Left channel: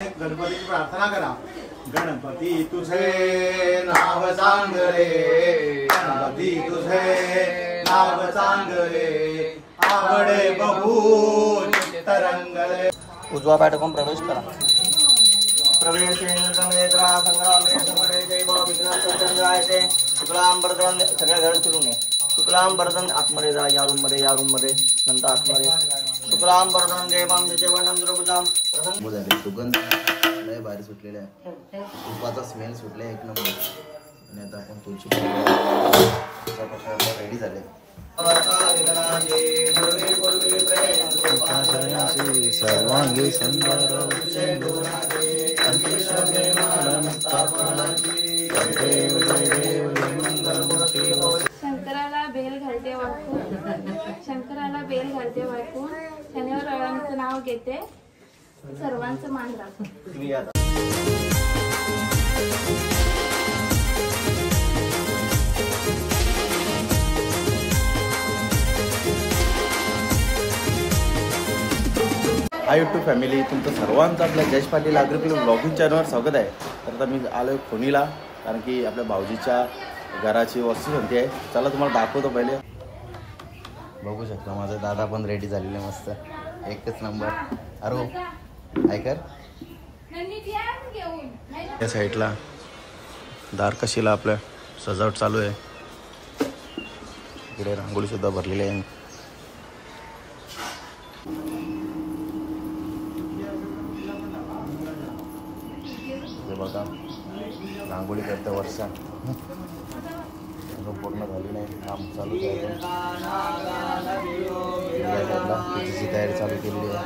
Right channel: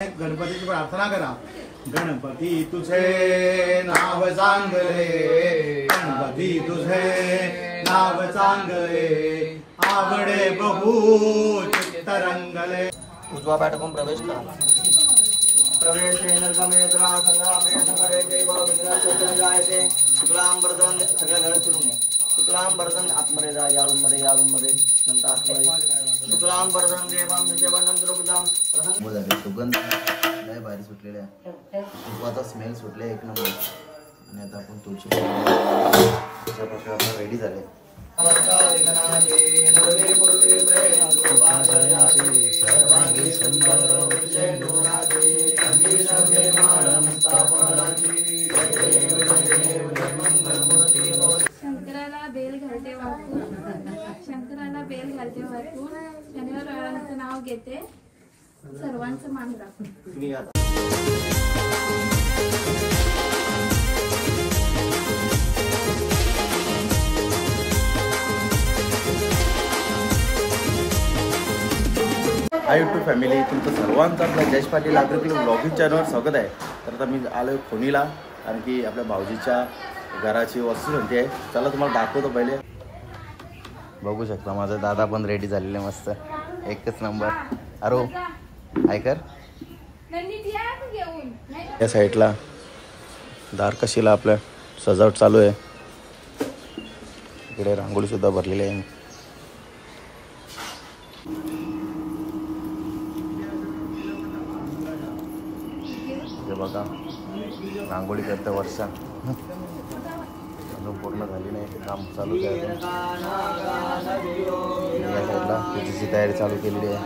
गणपतीची प्रार्थना करा। गणपती तुझे नाव चांगले, गणपती तुझे नाव चांगले, आवडे बहु चित्तरंगले। उजवा पाठकून प्रवेश करा। प्रवेशेन समेत्रा संग्रामे समरे देव विघ्नचंद्रायते शुक्लांबरदन सगळ्या घर फिरून ये। शुक्लांबरदन आतमध्ये जा, या रूम मध्ये नंतर आतमध्ये शुक्लांबरदन देवं विजयवनं द्रभुजां प्रसन्न सुगंध लय बाहेर सुटलेला आहे, तुपाचा स्मेल सुटले एक नंबर। आणि आता आपण तुळशी रेडी झाले। सर्वांगी सुंदर शंकराला बेल घालते वाकून, शंकराला बेल घालते वाकून, शनिवाराचं नाव घेते, सर्वांचं मान राखून। हाय यूट्यूब फॅमिली, तुमचं सर्वांचं आपल्या जयेश पाटील आग्रकली ब्लॉगिंग चॅनलवर स्वागत आहे। तर आता मी आलो आहे फोनीला, कारण की आपल्या भाऊजीच्या घराची वस्तुसंती आहे। चला तुम्हाला दाखवतो। पहिले बघू शकता माझा दादा पण रेडी झालेले, मस्त एकच नंबर। अरे काय कर, या साईडला दारकशीला आपल्या सजावट चालू आहे। इकडे रांगोळी सुद्धा भरलेली आहे। बघा रांगोळी करता वर्षा अजून पूर्ण झाली नाही, ते काम चालूच आहे। त्याची तयारी चालू केलेली आहे।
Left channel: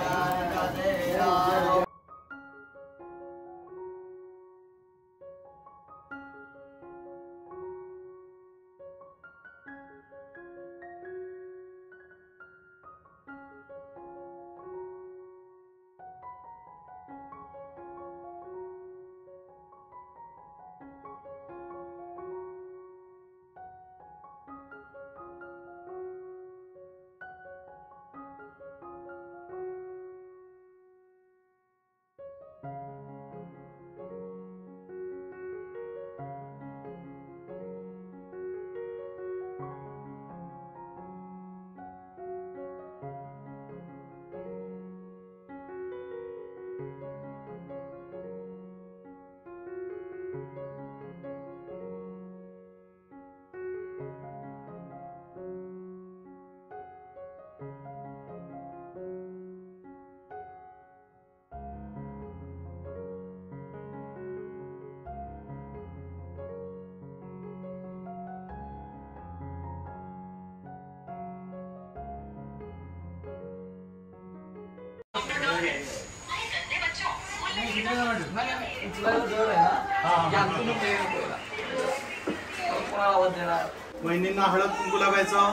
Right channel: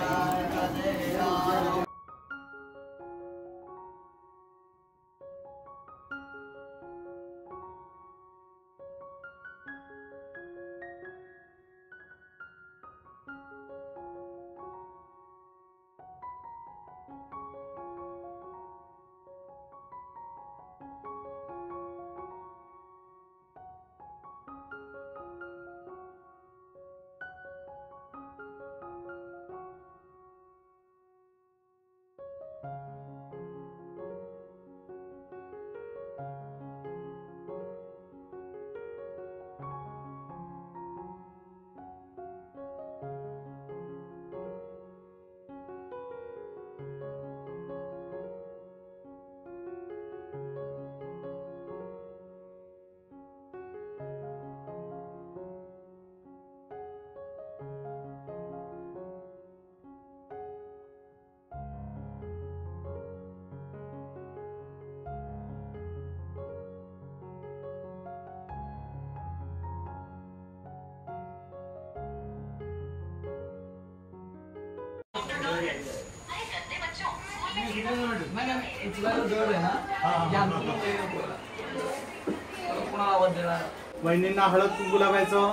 वहिनींना हळद कुंकू लावायचं,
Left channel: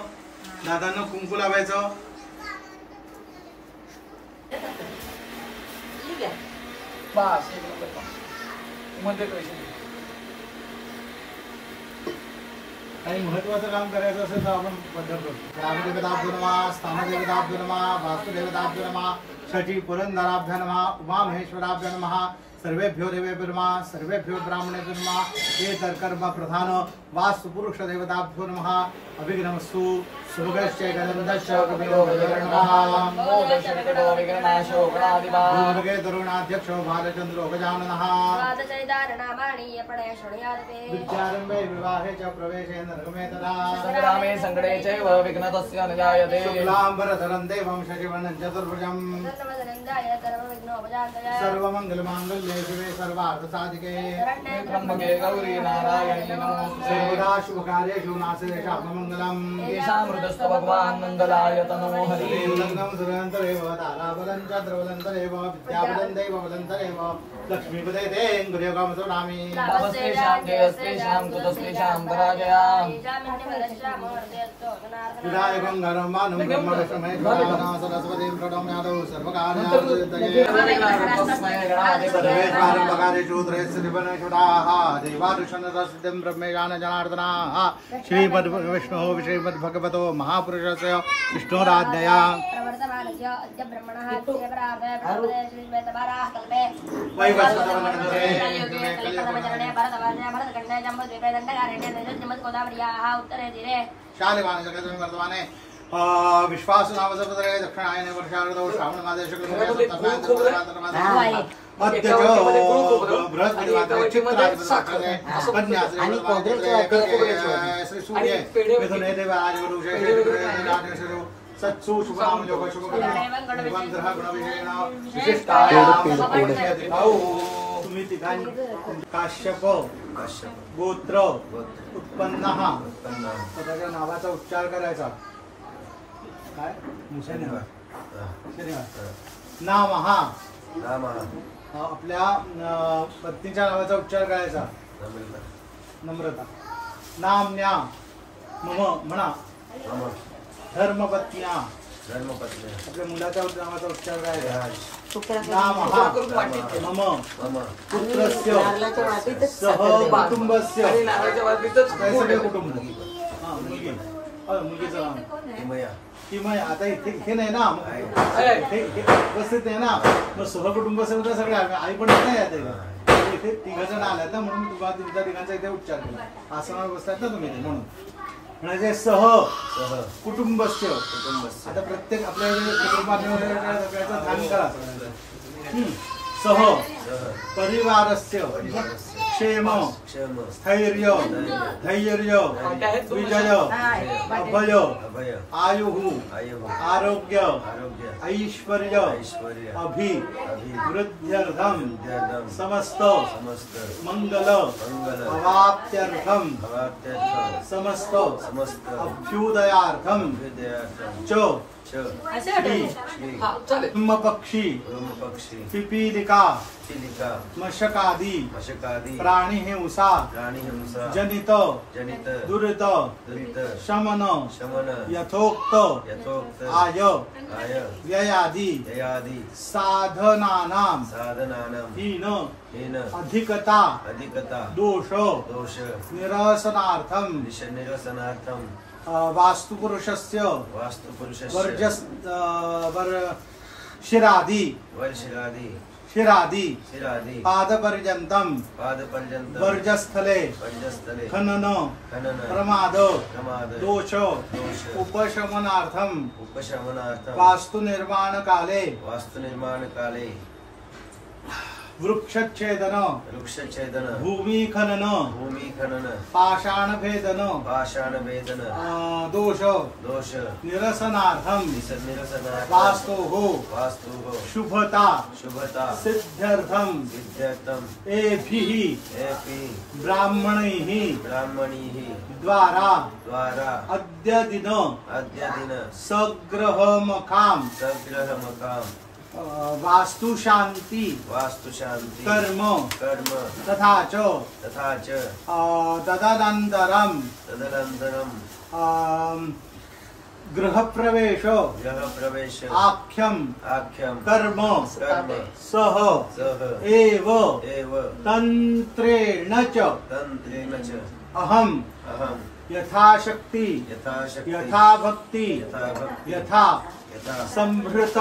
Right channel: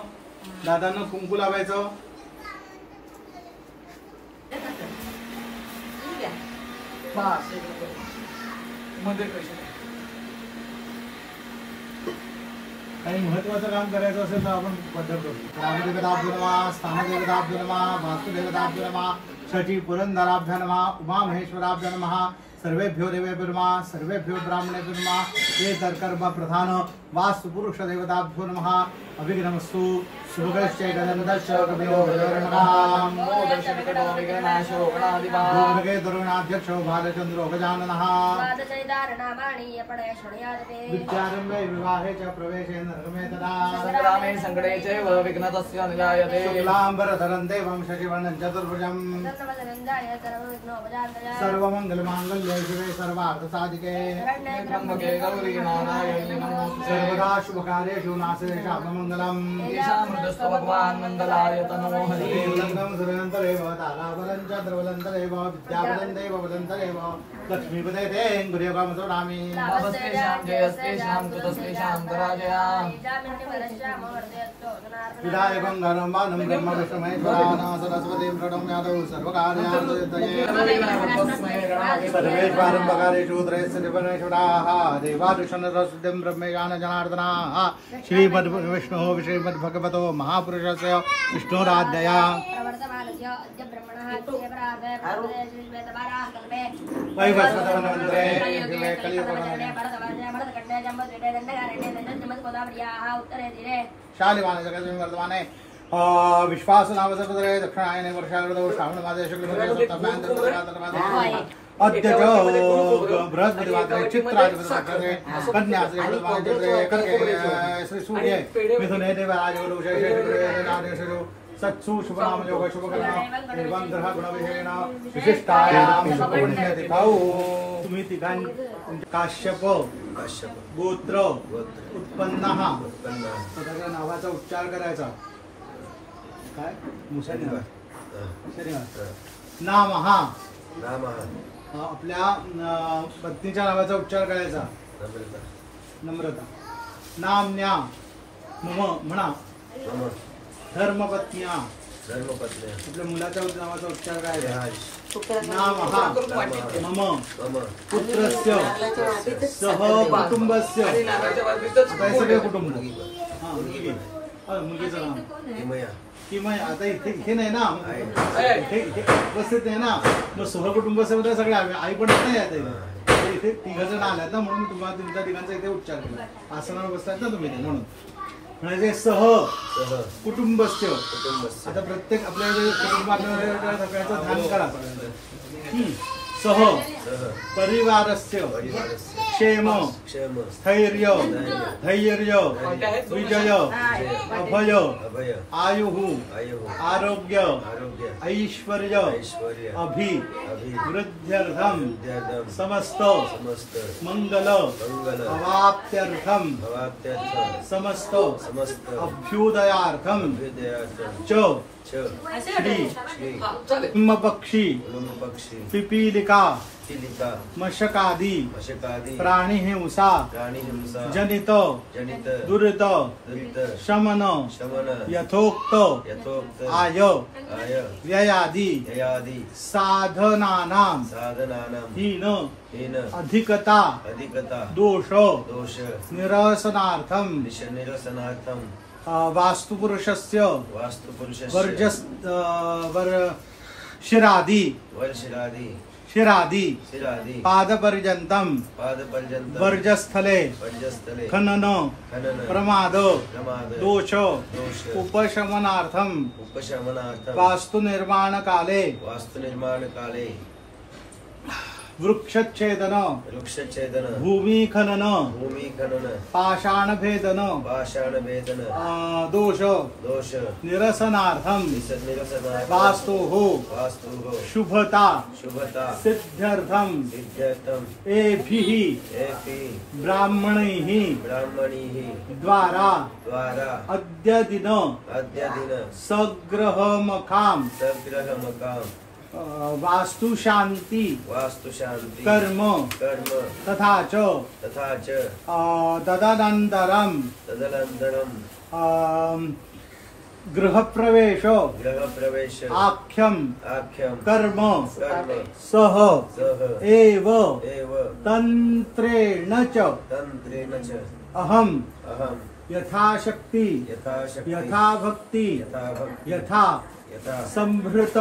दादांना कुंकू लावायचं। काही महत्वाचं काम करायचं असेल तर आपण पद्धत करतो। रामदेवताभ्यो नमः, स्थानदेवताभ्यो नमः, वास्तुदेवताभ्यो नमः, षठी पुरंदराभ्यो नमः, उमा महेश्वराभ्यो नमः, सर्वेभ्यो देवेभ्यो नमः, सर्वेभ्यो ब्राह्मणेभ्यो नमः। ये तर्कर्म प्रधान वास्तु पुरुष देवताभ्यो नमः। अभिघ्नमस्तु शुभगश्च गणन्दश्च कवियो नमः। मोदशनिकटो विघ्ननाशो गणाधिपः भगे तरुणाध्यक्षो बालचन्द्रो गजाननः। विद्यारम्भे विवाहे च प्रवेशे नरकमे तदा संग्रामे संकटे चैव विघ्नतस्य न जायते। शुक्लाम्बरधरं देवं शशिवर्णं चतुर्भुजं सर्वमङ्गलमाङ्गल्ये शिवे सर्वार्थसाधिके त्र्यम्बके गौरी नारायणी नमोस्तुते। सर्वदा शुभकार्येषु नास्ति शापमङ्गलम्। ईशामृतस्तु भगवान् मङ्गलायतनो हरिः। लग्नं सुरन्तरेव ताराबलं च द्रवलन्तरेव विद्याबलं दैवबलन्तरेव लक्ष्मीपदे ते गुरुयोगमसुरामि। नमस्तेषां जयस्तेषां कुतस्तेषां पराजयाम्। विधायकं धर्मानं ब्रह्म विष्णुमहेश्वरान् सरस्वतीं प्रणम्यादौ सर्वकार्यान् प्रारंभकालेषु त्रयस्थितिपरमेश्वराः देवादुषन्नतस्तुतिं ब्रह्मेशान जनार्दनाः श्रीमद्विष्णुः श्रीमद्भगवतो महापुरुषस्य विष्णोराज्ञया शालिवाने जगद्गुरु वर्तमाने विश्वास नाम समुद्रे दक्षिणायने वर्षाऋतौ श्रावण मासे शुक्लपक्षे सप्तम्यां अद्य च बृहस्पतिवासरे चित्राधिपतिवासरे कन्याश्री वर्तमाने चित्रे कर्के श्री सूर्ये मिथुने देवाजगुरुषे श्री सत्सु शुभनाम योग शुभकर्म निबंधः गुणविशेषेण विशिष्टायां पुण्यतिथौ तुम्ही तिघांनी काश्यप गोत्र उत्पन्नः स्वतःच्या नावाचा उच्चार करायचा काय मुसलमान नाम हा आपल्या पत्नीच्या नावाचा उच्चार करायचा नम्रता नाम्या मम म्हणा धर्मपत्न्या आपल्या मुलाच्या नावाचा उच्चार करायचा नाम हा मम पुत्रस्य सह कुटुंबस्य सगळे कुटुंब हा मुलगीचं नाव किमया आता इथे नाही ना इथे उपस्थित नाही ना मग सहकुटुंब सगळं सगळे आई पण नाही आहेत इथे तिघ जण आल्यात ना म्हणून तुम्हाला तुमच्या तिघांचा इथे उच्चार केला आसनावर बसतात ना तुम्ही म्हणून म्हणजे सह कुटुंबस्य आता प्रत्येक आपल्या कुटुंबाच्या ध्यान करा सह परिवारस्य क्षेम स्थैर्य धैर्य विजय अभय आयुः आरोग्य ऐश्वर्य अभिवृद्ध्यर्थं समस्त मंगल अवाप्त्यर्थं समस्त अभ्युदयार्थं च श्री पक्षी पिपीलिका मशकादी प्राणी हिंसा जनित दुरित शमन यथोक्त आय व्ययादि साधनानां हीन अधिकता दोष निरसनार्थं वास्तुपुरुषस्य शिरादि पादपर्यन्तं वर्जस्थले खनन प्रमाद दोष उपशमनार्थं वास्तु निर्माण काले वृक्षच्छेदन भूमि खनन पाषाण भेदन दोष निरसनार्थं वास्तोः शुभता सिद्ध्यर्थं एभिः ब्राह्मणैः द्वारा अद्य दिन सग्रहमखां वास्तु शांति कर्म तथा च तदनन्तरं गृहप्रवेश आख्यं कर्म सह एव तंत्रेण च अहं यथाशक्ति यथाभक्ति यथा संभृत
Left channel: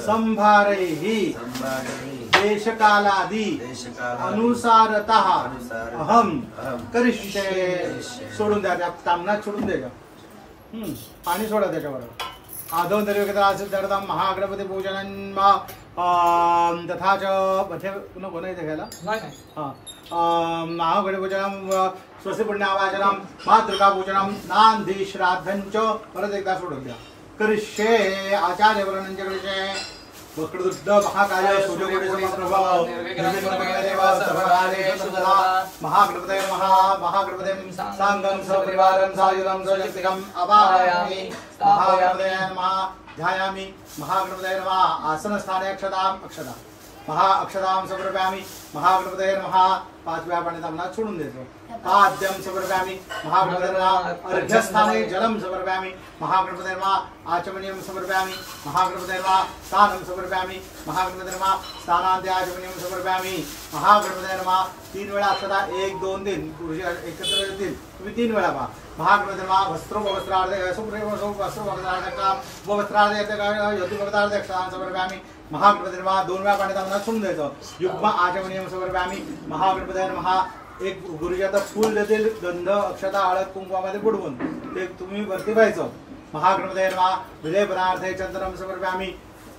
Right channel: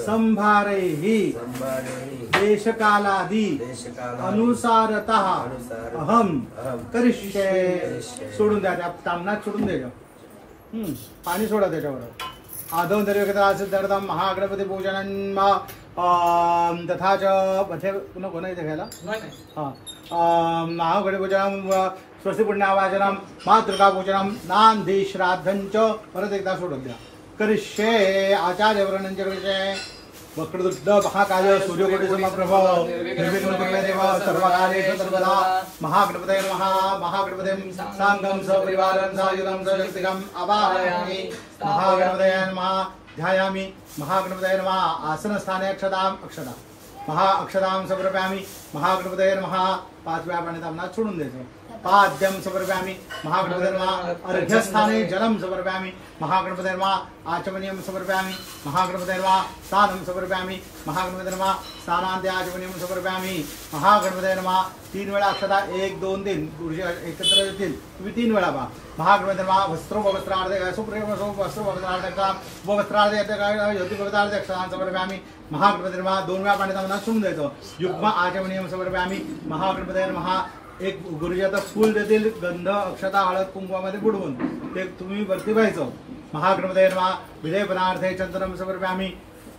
संभारैः देशकालादि अनुसारतः अहं करिष्ये सोडून द्या त्या तामनात सोडून दे का पाणी सोडा त्याच्यावर आदौ दर्शदर्थं महागणपती पूजनं तथा च मध्ये पुन्हा कोणा इथे घ्यायला महागणपती पूजनं स्वस्ति पुण्यावाचनं मातृका पूजनं नांदी श्राद्धं च परत एकदा सोडून द्या करिष्ये आचार्य वर्णनंच करिष्ये वक्रतुंड महाकाय सूर्यकोटि समप्रभ निर्विघ्नं देवा सर्वकार्येषु सर्वदा महागणपतये नमः महागणपतिं साङ्गं सपरिवारं सायुधं सशक्तिकम् आवाहयामि महागणपतये नमः ध्यायामि महागणपतये नमः आसनस्थाने अक्षता महा अक्षतां समर्पयामि महागणपतये नमः 5 वेळा पाणी तांबणात सोडून द्यायचं पाद्यं समर्पयामि महागणपतये नमः अर्घ्यस्थाने जलं समर्पयामि महागणपतये नमः आचमनीयं समर्पयामि महागणपतये नमः स्नानं समर्पयामि महागणपतये नमः स्नानान्ते आचमनीयं समर्पयामि महागणपतये नमः 3 वेळा अक्षता 1 2 3 गुरुजी एकत्र येतील तुम्ही 3 वेळा पहा महागणपतये नमः वस्त्रो वस्त्रार्धे सुप्रेम वस्त्रो वस्त्रार्धका वस्त्रार्धे योति भक्तार्धे अक्षतां समर्पयामि महागणपतये नमः 2 वेळा पाणी तांबणात सोडून द्यायचं युग्म आचमनीयं समर्पयामि महागणपतये नमः एक गुरुजी आता फूल देतील गंध अक्षता हळद कुंकवामध्ये बुडवून ते तुम्ही वरती व्हायचं महागणपतये नमः विजयपनार्थे चंद्रम समर्पयामि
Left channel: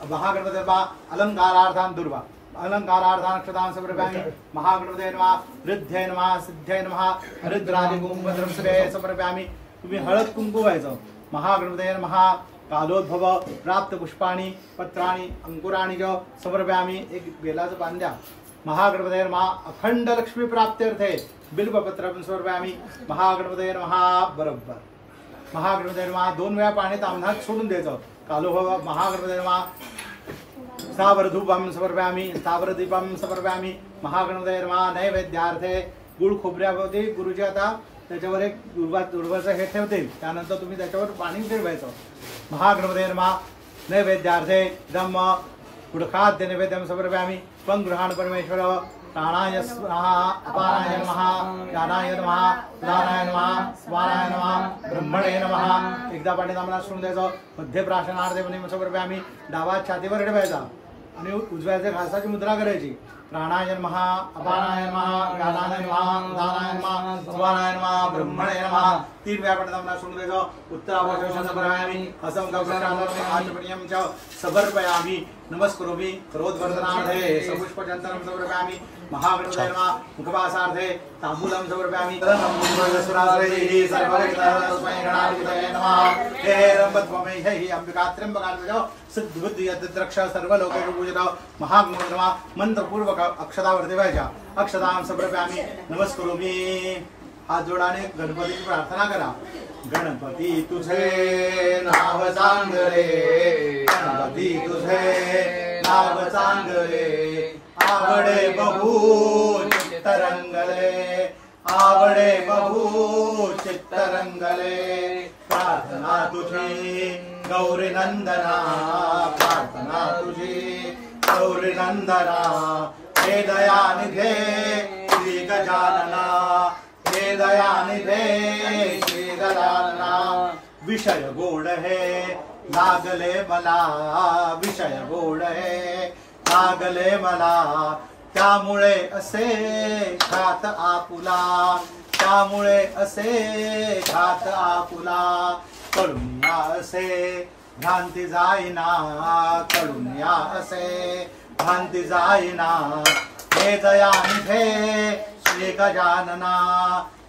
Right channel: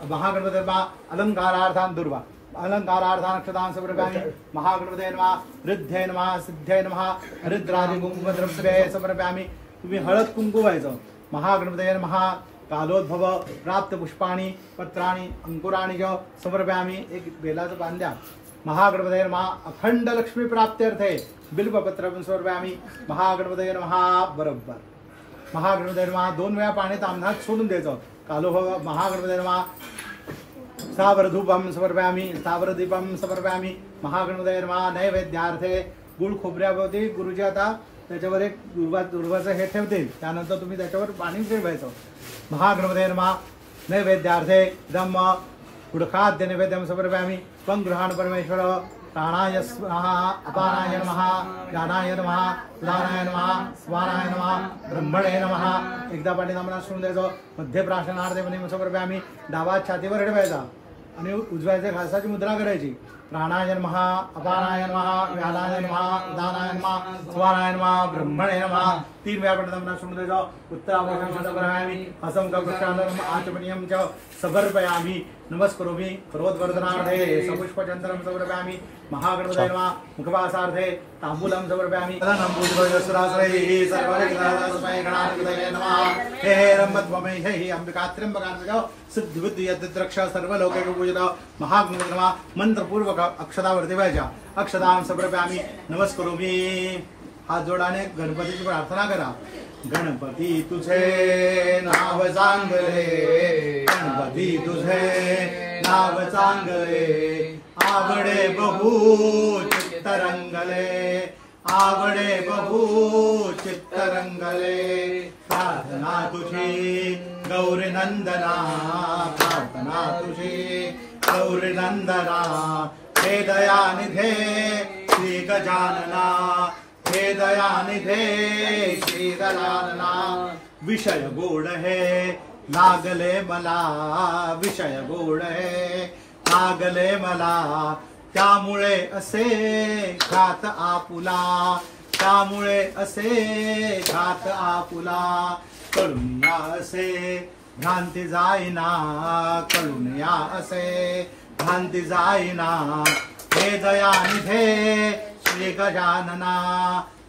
महागणपतये नमः अलंकारार्थां दुर्वा अलंकारार्थां अक्षतां समर्पयामि महागणपतये नमः रिद्धये नमः सिद्धये नमः हरिद्रादि कुंकुमद्रव्ये समर्पयामि तुम्ही हळद कुंकू व्हायचं महागणपतये नमः कालोद्भव प्राप्त पुष्पाणि पत्राणि अंकुराणि च समर्पयामि एक बेलाचं पान द्या महागणपतये नमः अखंड लक्ष्मी प्राप्त्यर्थे बिल्वपत्रं समर्पयामि महागणपतये नमः बरोबर महागणपतये नमः 2 वेळा पाणी तांबणात सोडून द्यायचं कालोभव महागणपतये नमः स्थावरधूपं समर्पयामि स्थावरदीपं समर्पयामि महागणपतये नमः नैवेद्यार्थे गुळ खोबऱ्याभोवती गुरुजी आता त्याच्यावर एक दुर्वाचं हे ठेवतील त्यानंतर तुम्ही त्याच्यावर पाणी ठेवायचं महागणपतये नमः नैवेद्यार्थे ब्रह्म गुडखाद्य नैवेद्यं समर्पयामि त्वं गृहाण परमेश्वर प्राणाय स्वाहा अपानाय नमः ज्ञानाय नमः उदानाय नमः स्वानाय नमः ब्रह्मणे नमः एकदा पाणी तांबणात सोडून द्यायचं मध्य प्राशनार्थे मनी समर्पयामि डावा छातीवर ठेवायचा आणि उजव्याच्या घासाची मुद्रा करायची प्राणाय नमः अपानाय नमः ज्ञानाय नमः उदानाय नमः स्वानाय नमः ब्रह्मणे नमः 3 वेळा पाणी तांबणात सोडून द्यायचं उत्तराभूषण समर्पयामि हसं कवचालर्मे आचमनीयं च समर्पयामि नमस्करोमि करोद्वर्धनार्थे सपुष्पचन्दनं समर्पयामि महागणपतये नमः मुखवासार्थे ताम्बूलं समर्पयामि तदनम्बुद्रवसुराश्रयैः सर्वविघ्नहरस्मै गणाधिपतये नमः हे रम्भत्वमैः अंबिकात्र्यम्बकान्वितो सिद्धिबुद्धियद्रक्ष सर्वलोकैः पूजित महागणपतये नमः मंत्रपूर्वक अक्षतावरती व्हायच्या अक्षतां समर्पयामि नमस्करोमि हात जोडाने गणपतीची प्रार्थना करा गणपती तुझे नाव चांगले गणपती तुझे नाव चांगले आवडे बहु चित्तरंगले आवडे बहु चित्तरंगले प्रार्थना तुझी गौरी नंदना प्रार्थना तुझी गौरी नंदना हे दयानिधे श्री गजानना हे दयानिधे श्री गजानना विषय गोड है लागले मला विषय गोड है लागले मला त्यामुळे असे घात आपुला त्यामुळे असे घात आपुला कळून या असे भ्रांती जाईना कळून या असे भ्रांती जाईना हे दयानिधे श्री गजानना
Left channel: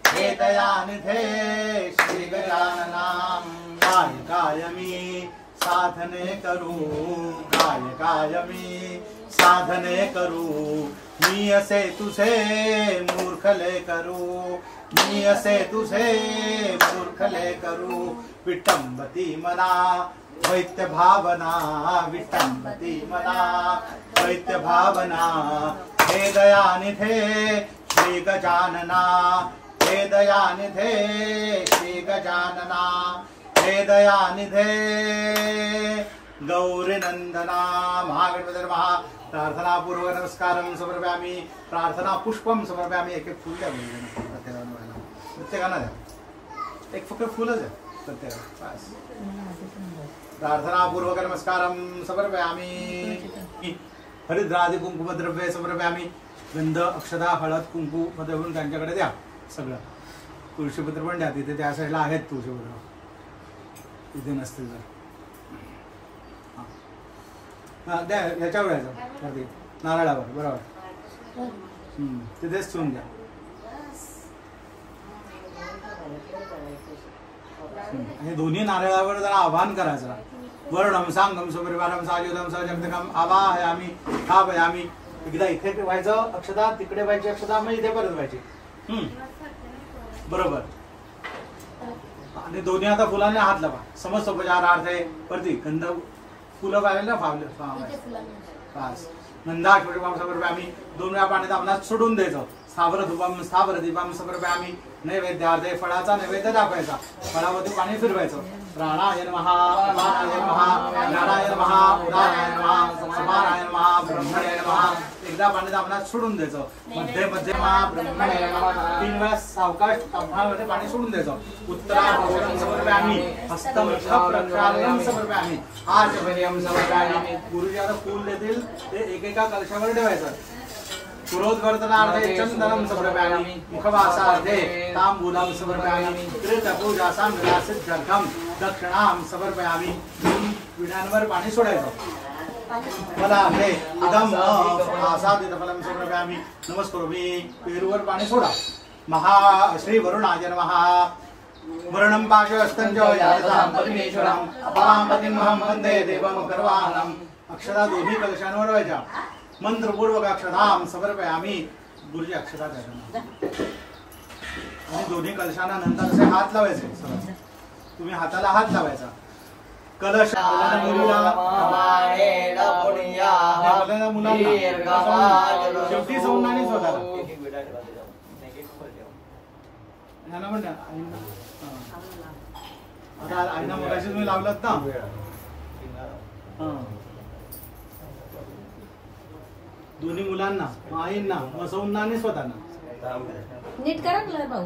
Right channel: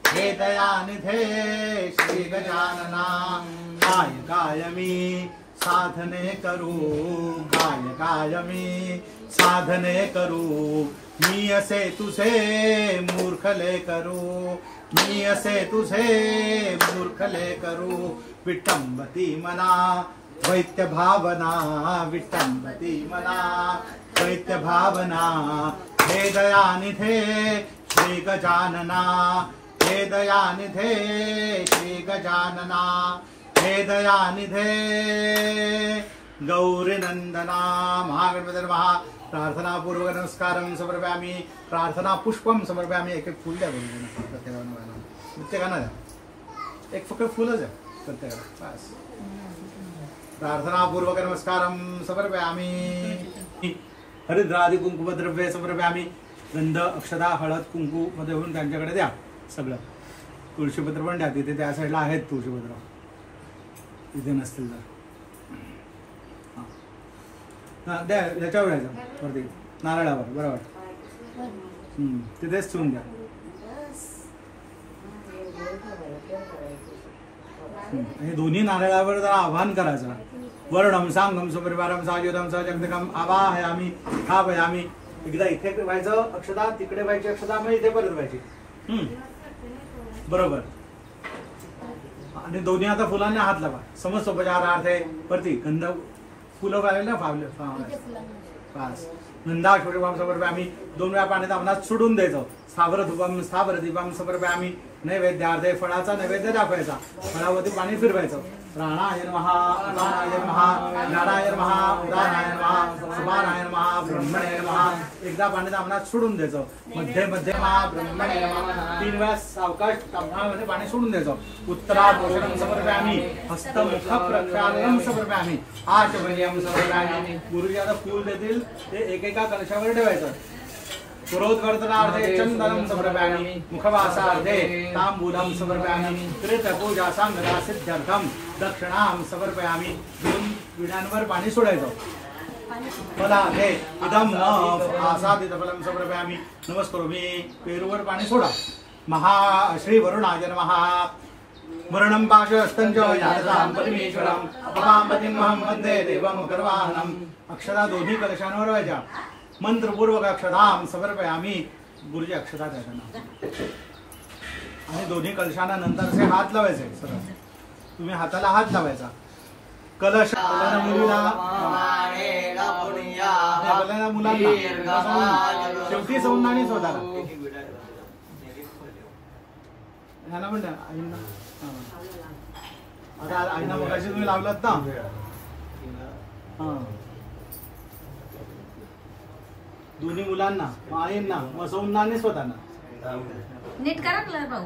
हे दयानिधे श्री गजानना काय काय मी साधने करू काय काय मी साधने करू मी असे तुझे मूर्खले करू मी असे तुझे मूर्खले करू विटंबती मना वैत्य भावना विटंबती मना वैत्य भावना हे दयानिधे श्री गजानना हे दयानिधे श्री गजानना हे दयानिधे गौरी नंदना महागणपतये नमः प्रार्थना पूर्वक नमस्कारं समर्पयामि प्रार्थना पुष्पं समर्पयामि एक फूल द्या प्रत्येकाला द्या एक फक्त फुलच द्या प्रत्येकाला बस प्रार्थना पूर्वक नमस्कारं समर्पयामि हरिद्रादि कुंकुमद्रव्ये समर्पयामि गंध अक्षता हळद कुंकू मध्ये होऊन त्यांच्याकडे द्या सगळं तुळशीपत्र पण द्या तिथे त्या साईडला आहेत तुळशीपत्र इथे नसतील तर द्या याच्यावर यायचं वरती नारळावर बरोबर तिथेच ठेवून द्या आणि दोन्ही नारळावर जरा आवाहन करायचं वर्णम सांगम सुपरिवारम सायुधम सजगदकम आवाहयामी स्थापयामी एकदा इथे व्हायचं अक्षता तिकडे व्हायची अक्षता मग इथे परत व्हायची बरोबर आणि दोन्ही आता फुलांनी हात लावा समस्त उपचारार्थे वरती गंध फुलं वाढले ना फावले बस नंदा छोटेबाम समर्पयामी 2 वेळा पाण्यात आपणास सोडून द्यायचं. स्थावर धुपम स्थावर दीपम समर्पयामी नैवेद्यार्थे फळाचा नैवेद्य दाखवायचा. फळावरती पाणी फिरवायचं. प्राणाय नमः अपानाय नमः ज्ञानाय नमः उदानाय नमः समानाय नमः ब्रह्मणे नमः एकदा पाण्यात आपणास सोडून द्यायचं. मध्ये मध्ये ब्रह्मणे नमः 3 वेळा सावकाश तांब्यामध्ये पाणी सोडून द्यायचं. उत्तराभूषणं समर्पयामी हस्तमुख प्रक्षालनं समर्पयामी आचमनीयं समर्पयामी गुरुजी आता फूल देतील ते एकेका कलशावर ठेवायचं. पुरोद्वर्तनार्थे चंदनं समर्पयामि मुखवासार्थे तांबूलं समर्पयामि कृतपूजासां विलासित्यर्थं दक्षिणां समर्पयामि. 3 विड्यांवर पाणी सोडायचं. फलार्थे इदं आसादितफलं समर्पयामि नमस्करोमि. पेरूवर पाणी सोडा. श्री वरुणाय नमः. वरुणं पाशुहस्तं च यादतां परमेश्वरं अपमापतिमहं वन्दे देवं गर्वाणं. अक्षरा दोन्ही कलशांवर व्हायच्या. मंत्रपूर्वक अक्षतां समर्पयामि. गुरुजी अक्षता द्यायचा आणि दोन्ही कलशांना नंतरचे हात लावायचे. सरळ तुम्ही हाताला हात लावायचा. कलश मुलीला मुलांना शेवटी सौंदाणी स्वतःला ह्याला म्हणता आईंना. आता आईना मगाशी तुम्ही लावलात ना. दोन्ही मुलांना आईंना बसवूंना आणि स्वतःना नीट करा भाऊ.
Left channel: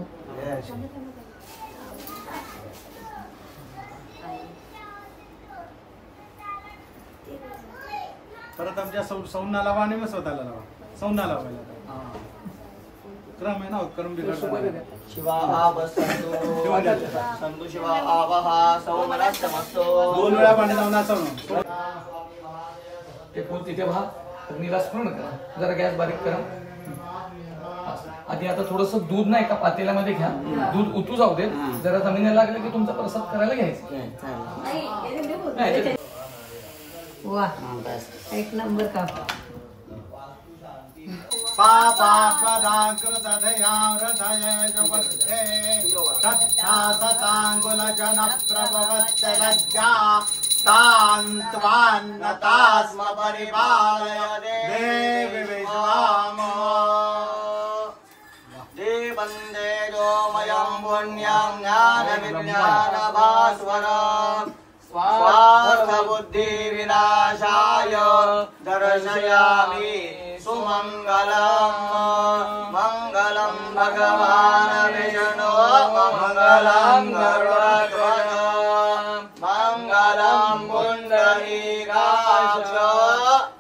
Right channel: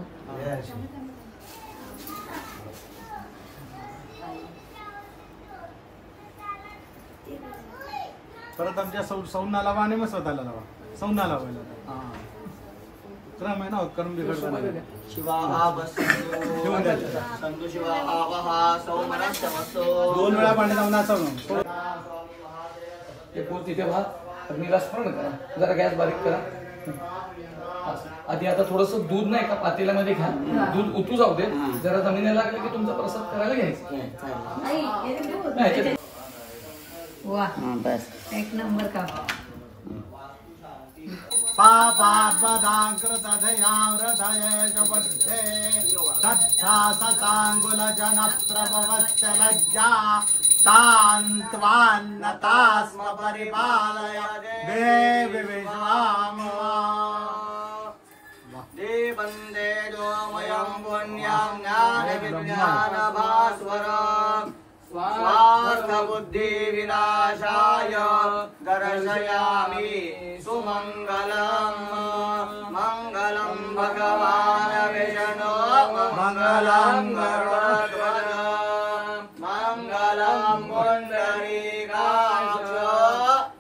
परत आमच्या सौंना लावा आणि मग स्वतःला लावा. सौंना लावायला क्रम आहे ना. क्रम बिघडतो. दोन वेळा पाणी लावून असं अग्नीला स्मरण करा. जरा गॅस बारीक करा. आधी आता थोडस दूध नाही का पातेल्यामध्ये घ्या. दूध उतू जाऊ दे. जरा जमिनीला लागलं की तुमचा प्रसाद करायला घ्यायचा. वा एक नंबर का. तान्त्वान्नतास्म परिपालय देवी विश्वाम. देवन्दे दोमयं पुण्यं ज्ञानविज्ञानभास्वरं स्वार्थबुद्धिविनाशाय दर्शयामि सुमङ्गलं. मङ्गलं भगवान् विष्णु मङ्गलं गरुडध्वज मङ्गलं पुण्डरीकाक्ष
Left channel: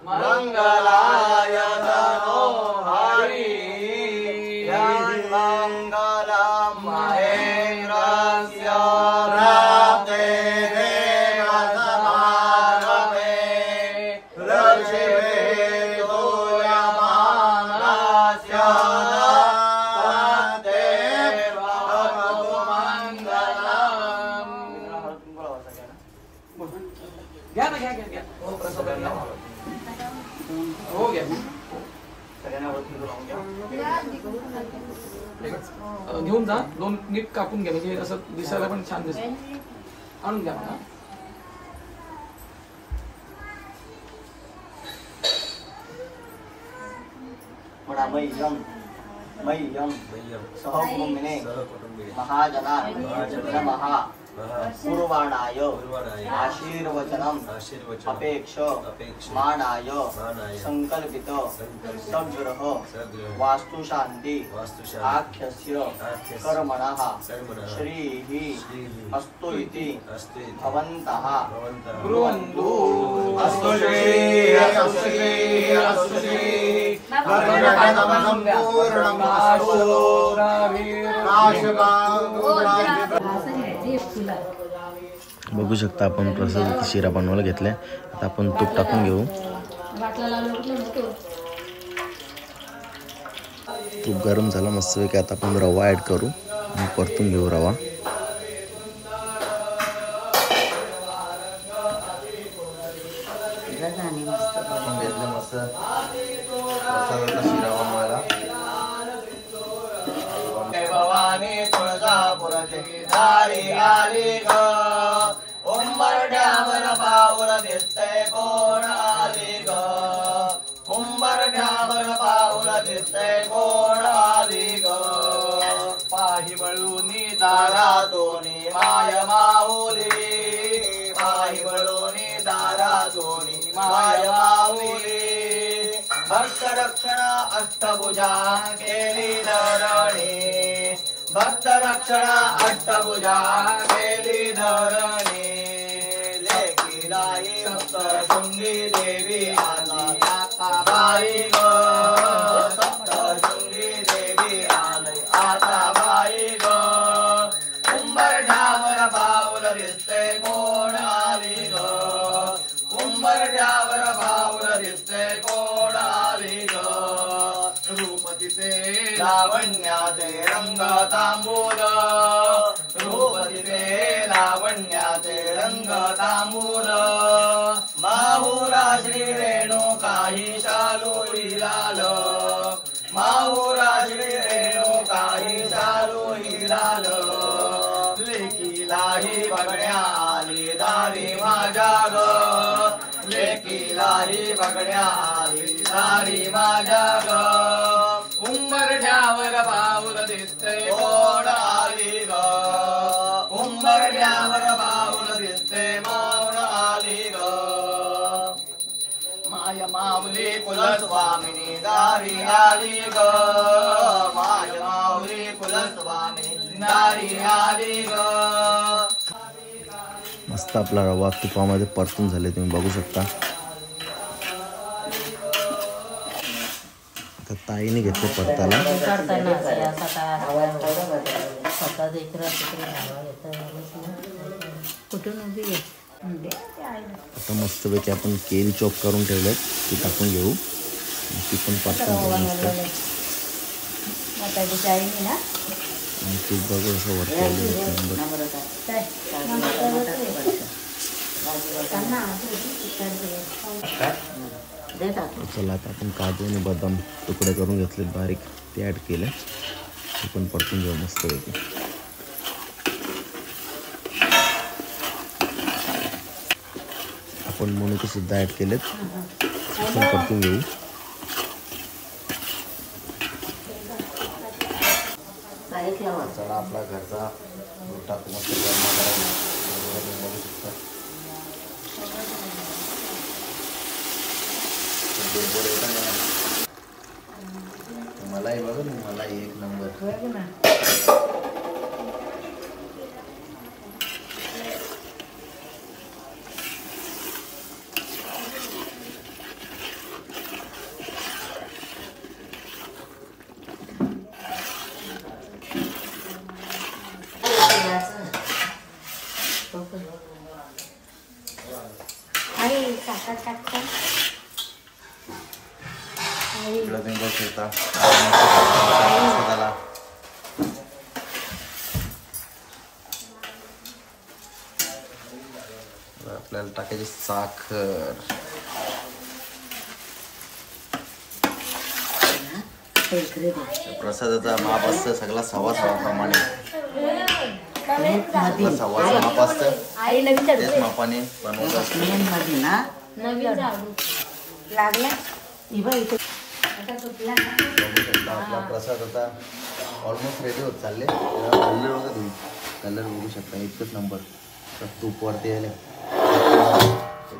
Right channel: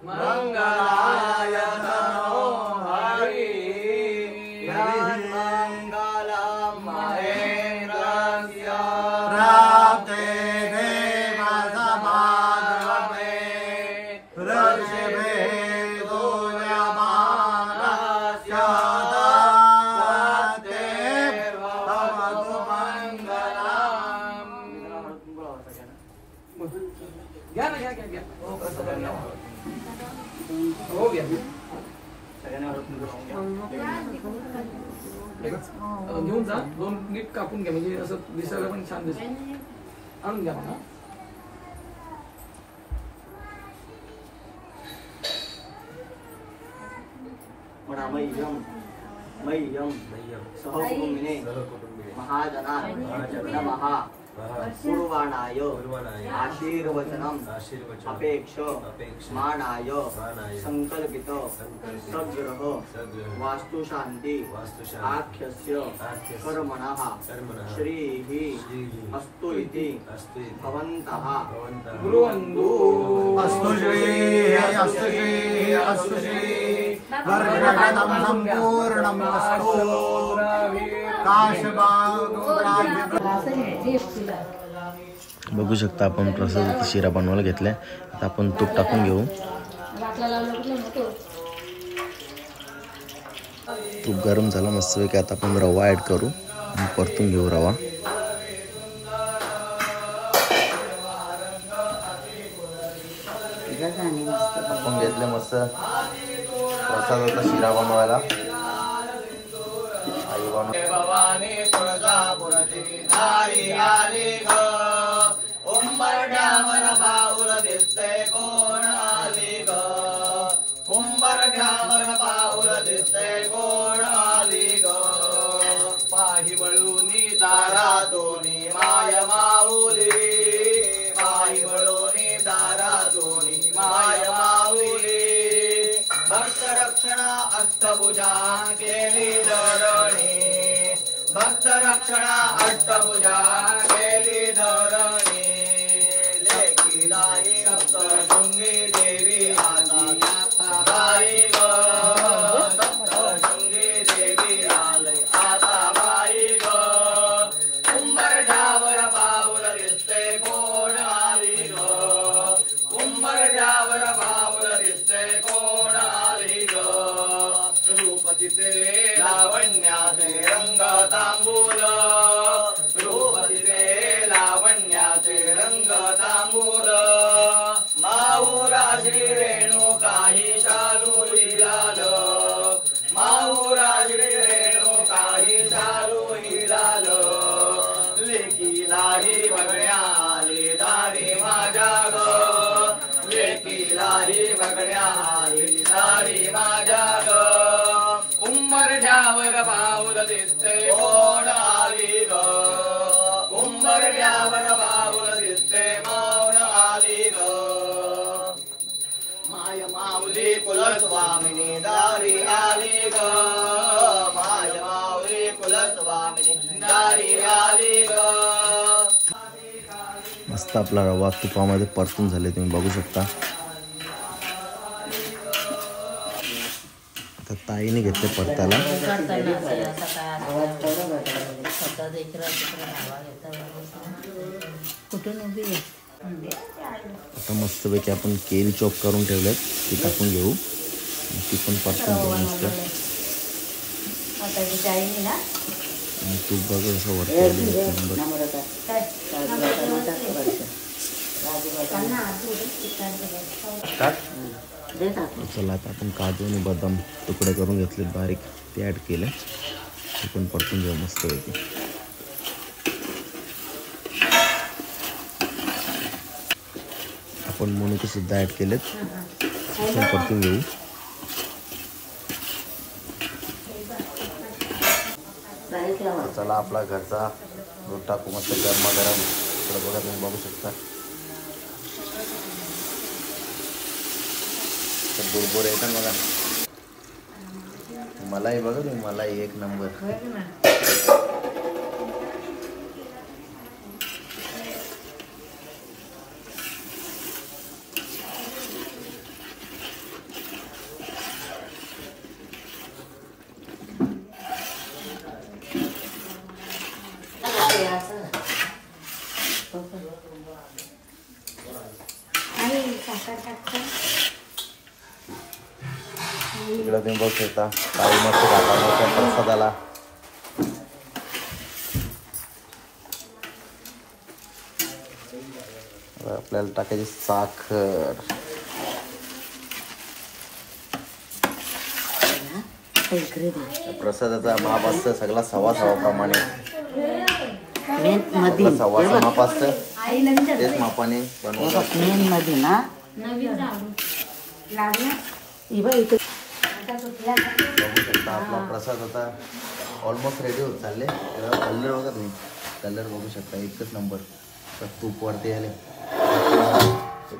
मङ्गलाय तनोहरि. मङ्गलं महेन्द्रस्य प्राप्ते देवसमागमे ऋषिभिः स्तूयमानस्य घ्या ना. घ्या. हो घ्या. घेऊन जा. 2 नीट कापून घ्या म्हणजे असं दिसायला पण छान दिसत. आणून घ्या मला. मह्यं सहकुटुम्बिने महाजना नमः. पूर्वाणाय आशीर्वचनम अपेक्ष मानाय संकल्पित सद्गृह वास्तुशांति आख्यस्य कर्मणः श्रीः अस्तु इति भवन्तः ब्रुवन्तु. अस्तु श्रीः अस्तु श्रीः अस्तु श्रीः बघू शकता आपण प्रसाद शिरा बनवायला घेतलाय. आता आपण तूप टाकून घेऊ. तूप गरम झालं मस्तपैकी. आता आपण रवा ऍड करू आणि परतून घेऊ रवा. आपण घेतलं मस्त प्रसादाचा शिरा बनवायला. भवानी तुळजापुरती आली ग. उंबरड्यावर पाऊल दिसतंय कोण आली ग. घ्यावर पाऊल दिसते कोण आली ग पाही वळून दारातोनी माय माऊली पाही वळून दारातोनी माय माऊली भक्त रक्षणा अष्टभुजा केली धरणी भक्त रक्षणा अष्टभुजा केली धरणी लेकीलाई सप्तशृंगी देवी आली आता बाई ग सप्तशृंगी देवी आली आता बाई ग उंबरठ्यावर पाऊल दिसते कोण आली ग उंबरठ्यावर पाऊल दिसते कोण आली ग रूपतीचे लावण्याचे रंग तांबूल रूपतीचे लावण्याचे रंग तांबूल माहुरा श्री रेणुकाही शालू हिलाल माहुरा श्री रेणुकाही शालू हिलाल लेकीलाही बघण्याले दारी माझ्या ग लेकीलाही बघण्याले दारी माझ्या ग उंबरठ्यावर पाऊल दिसते कोण आली ग उंबरठ्यावर पाऊल दिसते कोण आली ग माय माऊली कुलस्वामिनी दारी आली ग माय माऊली कुलस्वामिनी दारी आली ग मस्त आपला रवा तुपामध्ये परतून झाले तुम्ही बघू शकता आता ताईने घेतले परताला कुठून उभी आहे आता मस्तपैकी आपण केळी चॉप करून ठेवलेत ती टाकून घेऊ ती पण परतून घेऊ मस्त आणि तूप बघू असं वरती चला आता आपण काजू आणि बदाम तुकडे करून घेतले बारीक ते ऍड केले ते पण परतून घेऊ मस्तपैकी आपण मनुके सुद्धा ऍड केलेत ते पण परतून घेऊ चला आपला घरचा दूध टाकू मस्त गरमागरम बघा तुम्ही बघू शकता दूध येतं मला मलाही बघ मलाही एक नंबर इकडं तुम्ही बघू शकता काळी मस्त प्रसादाला आपल्याला टाकायची साखर प्रसादाचा माप असतं सगळा सव्वा प्रमाणे सव्वाचं माप असतं तेच मापाने बनवतात आपला प्रसाद आता ऑलमोस्ट रेडी होत चालले कलर बघा तुम्ही कलर बघू शकता एकच नंबर तर तूप वरती आले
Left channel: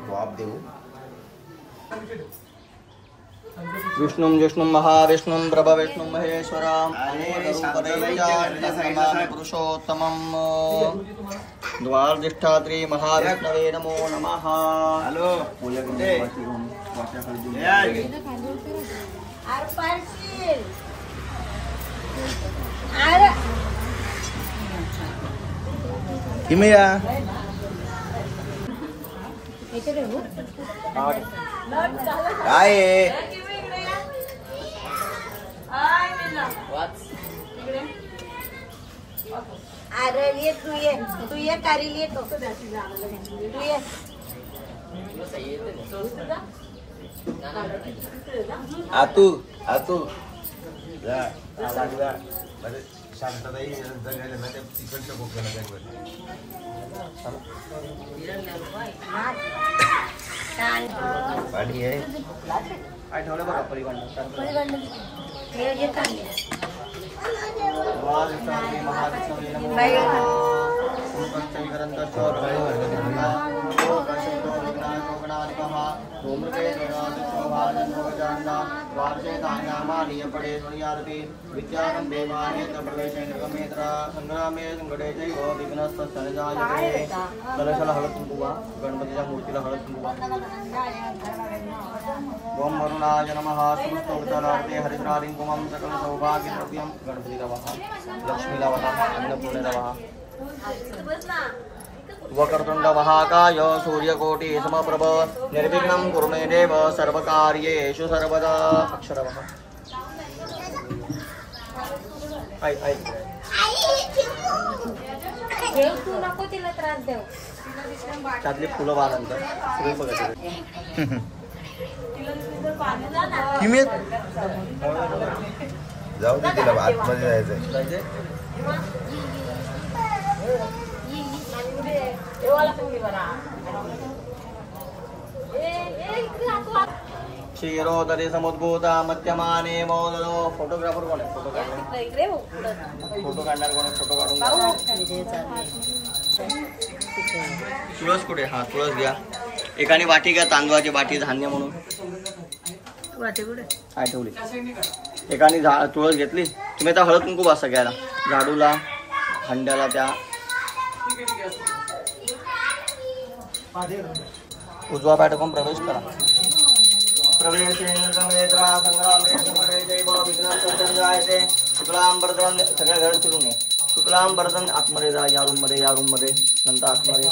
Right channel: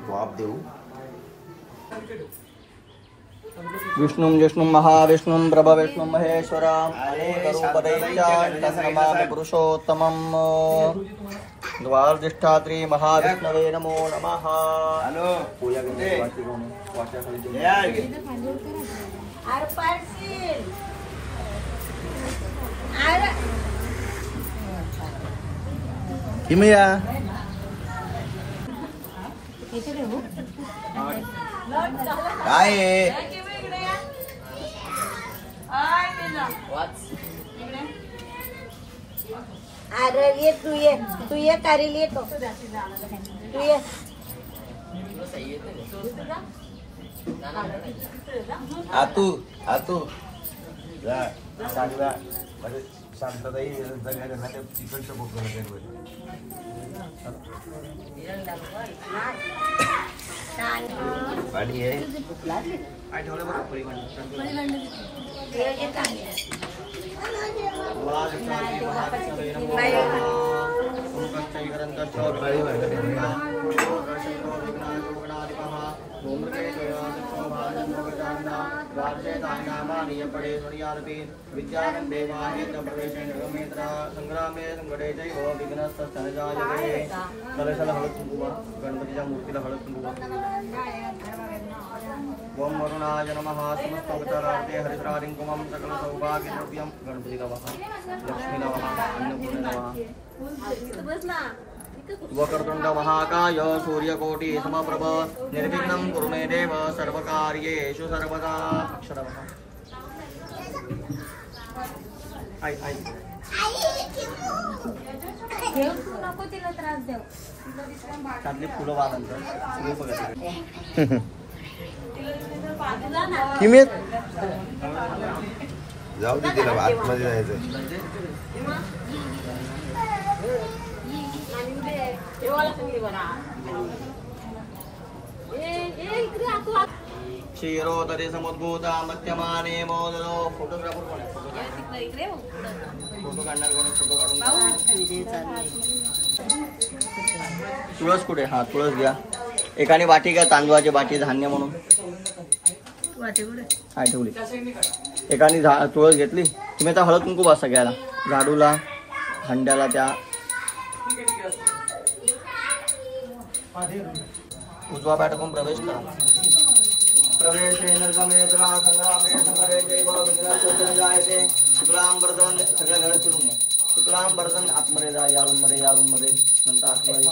वाफ देऊ विष्णु विष्णु महाविष्णु प्रभविष्णु महेश्वरम पुरुषोत्तमम द्वारधिष्ठात्री महाविष्णवे नमो नमः हॅलो किमया काय अरे ये तू ये कारील ये तू ये आतू आतू गाडी आहे काय ठेवलं बघा पलीकडनं संग्रामे संकटे जैव विघ्नस्तजायते कलशाला हळद कुंकुवा गणपतीच्या मूर्तीला हळद कुंकुवा ओम वरुणाय नमः समस्तोपचारार्थे हरिद्रारिं कुमं सकल सौभाग्यद्रव्यं गणपतीला वहा लक्ष्मीला वहा अन्नपूर्णेला वहा वक्रतुंड महाकाय सूर्यकोटि समप्रभ निर्विघ्नं कुरु मे देव सर्वकार्येषु सर्वदा अक्षरः आई नको तिला त्रास देऊ त्यातली फुलं वाढनंतर किमेत जाऊ दे तिला आतमध्ये जायचंय क्षीरोदरी समुद्भूता मध्यमाने मोदनो फोटोग्राफर कोण आहे? फोटो काढणार कोण आहे? फोटो काढून तुळस कुठे? हा तुळस घ्या. एकाने वाटी घ्या, तांदूळाची वाटी धान्य म्हणून काय ठेवली. एकाने तुळस घेतली. तुम्ही आता हळद कुंकू बसा घ्यायला झाडूला हंड्याला त्या उजवा पाय टाकून प्रवेश करा. प्रवेशे निर्गमेत्रा संग्रामे समरे जैव विघ्नस्तजायते शुक्लांबरदन सगळ्या घर फिरून ये. शुक्लांबरदन आतमध्ये जा. या रूम मध्ये नंतर आतमध्ये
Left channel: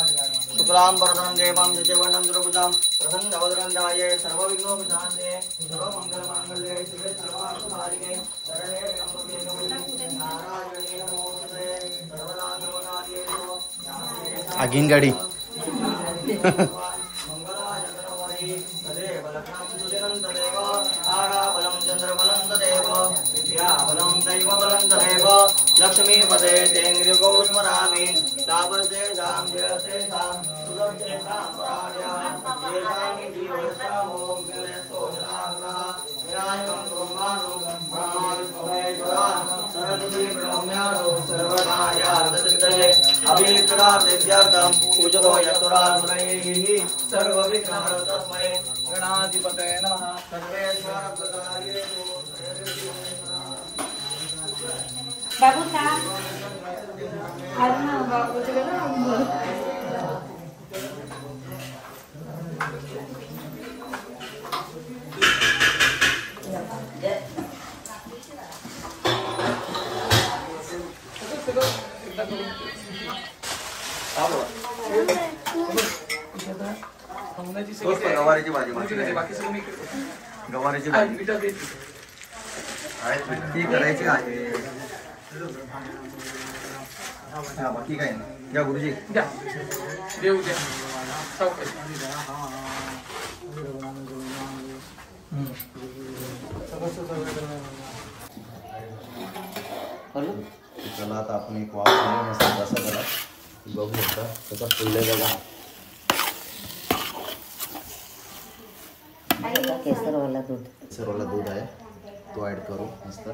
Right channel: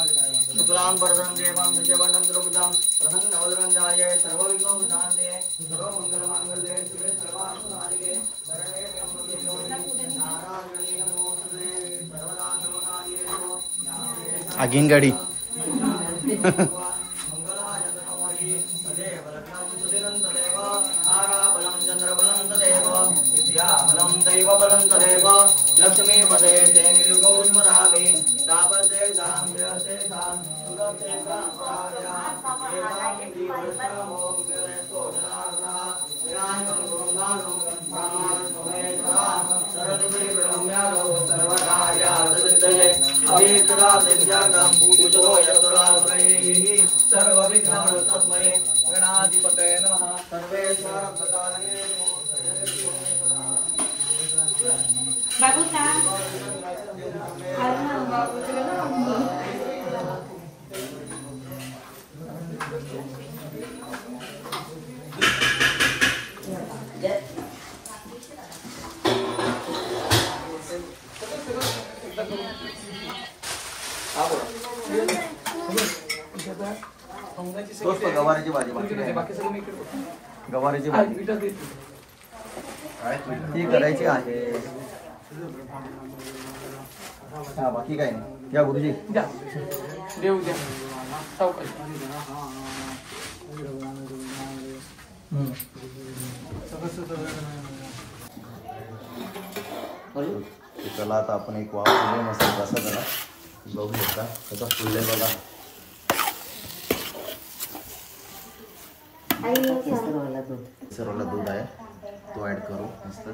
शुक्लांबरदन देवं जयवंदं द्रवुजां प्रसन्न वदनंदाये सर्व विघ्नोपशान्ते सर्व मंगल मांगल्ये शिवे सर्वार्थसाधिके शरणे त्र्यंबके गौरी नारायणी नमोस्तुते सर्वनाशनाय नमो. आगीन गाडी लक्ष्मी मदे गौस्मरामी दावसे जाम्यसे बाबू का गवारीची भाजी बाकी सगळं मी इकडे गवारीची भाजी ती करायची आहे. हा बाकी काय नाही. या गुरुजी द्या देऊ द्या ओके. चला आता आपण एक वाव मस्त कसा करा बघू शकता. कसं फुलले बघा. केसरवाला दूध आहे तो ऍड करू. मस्त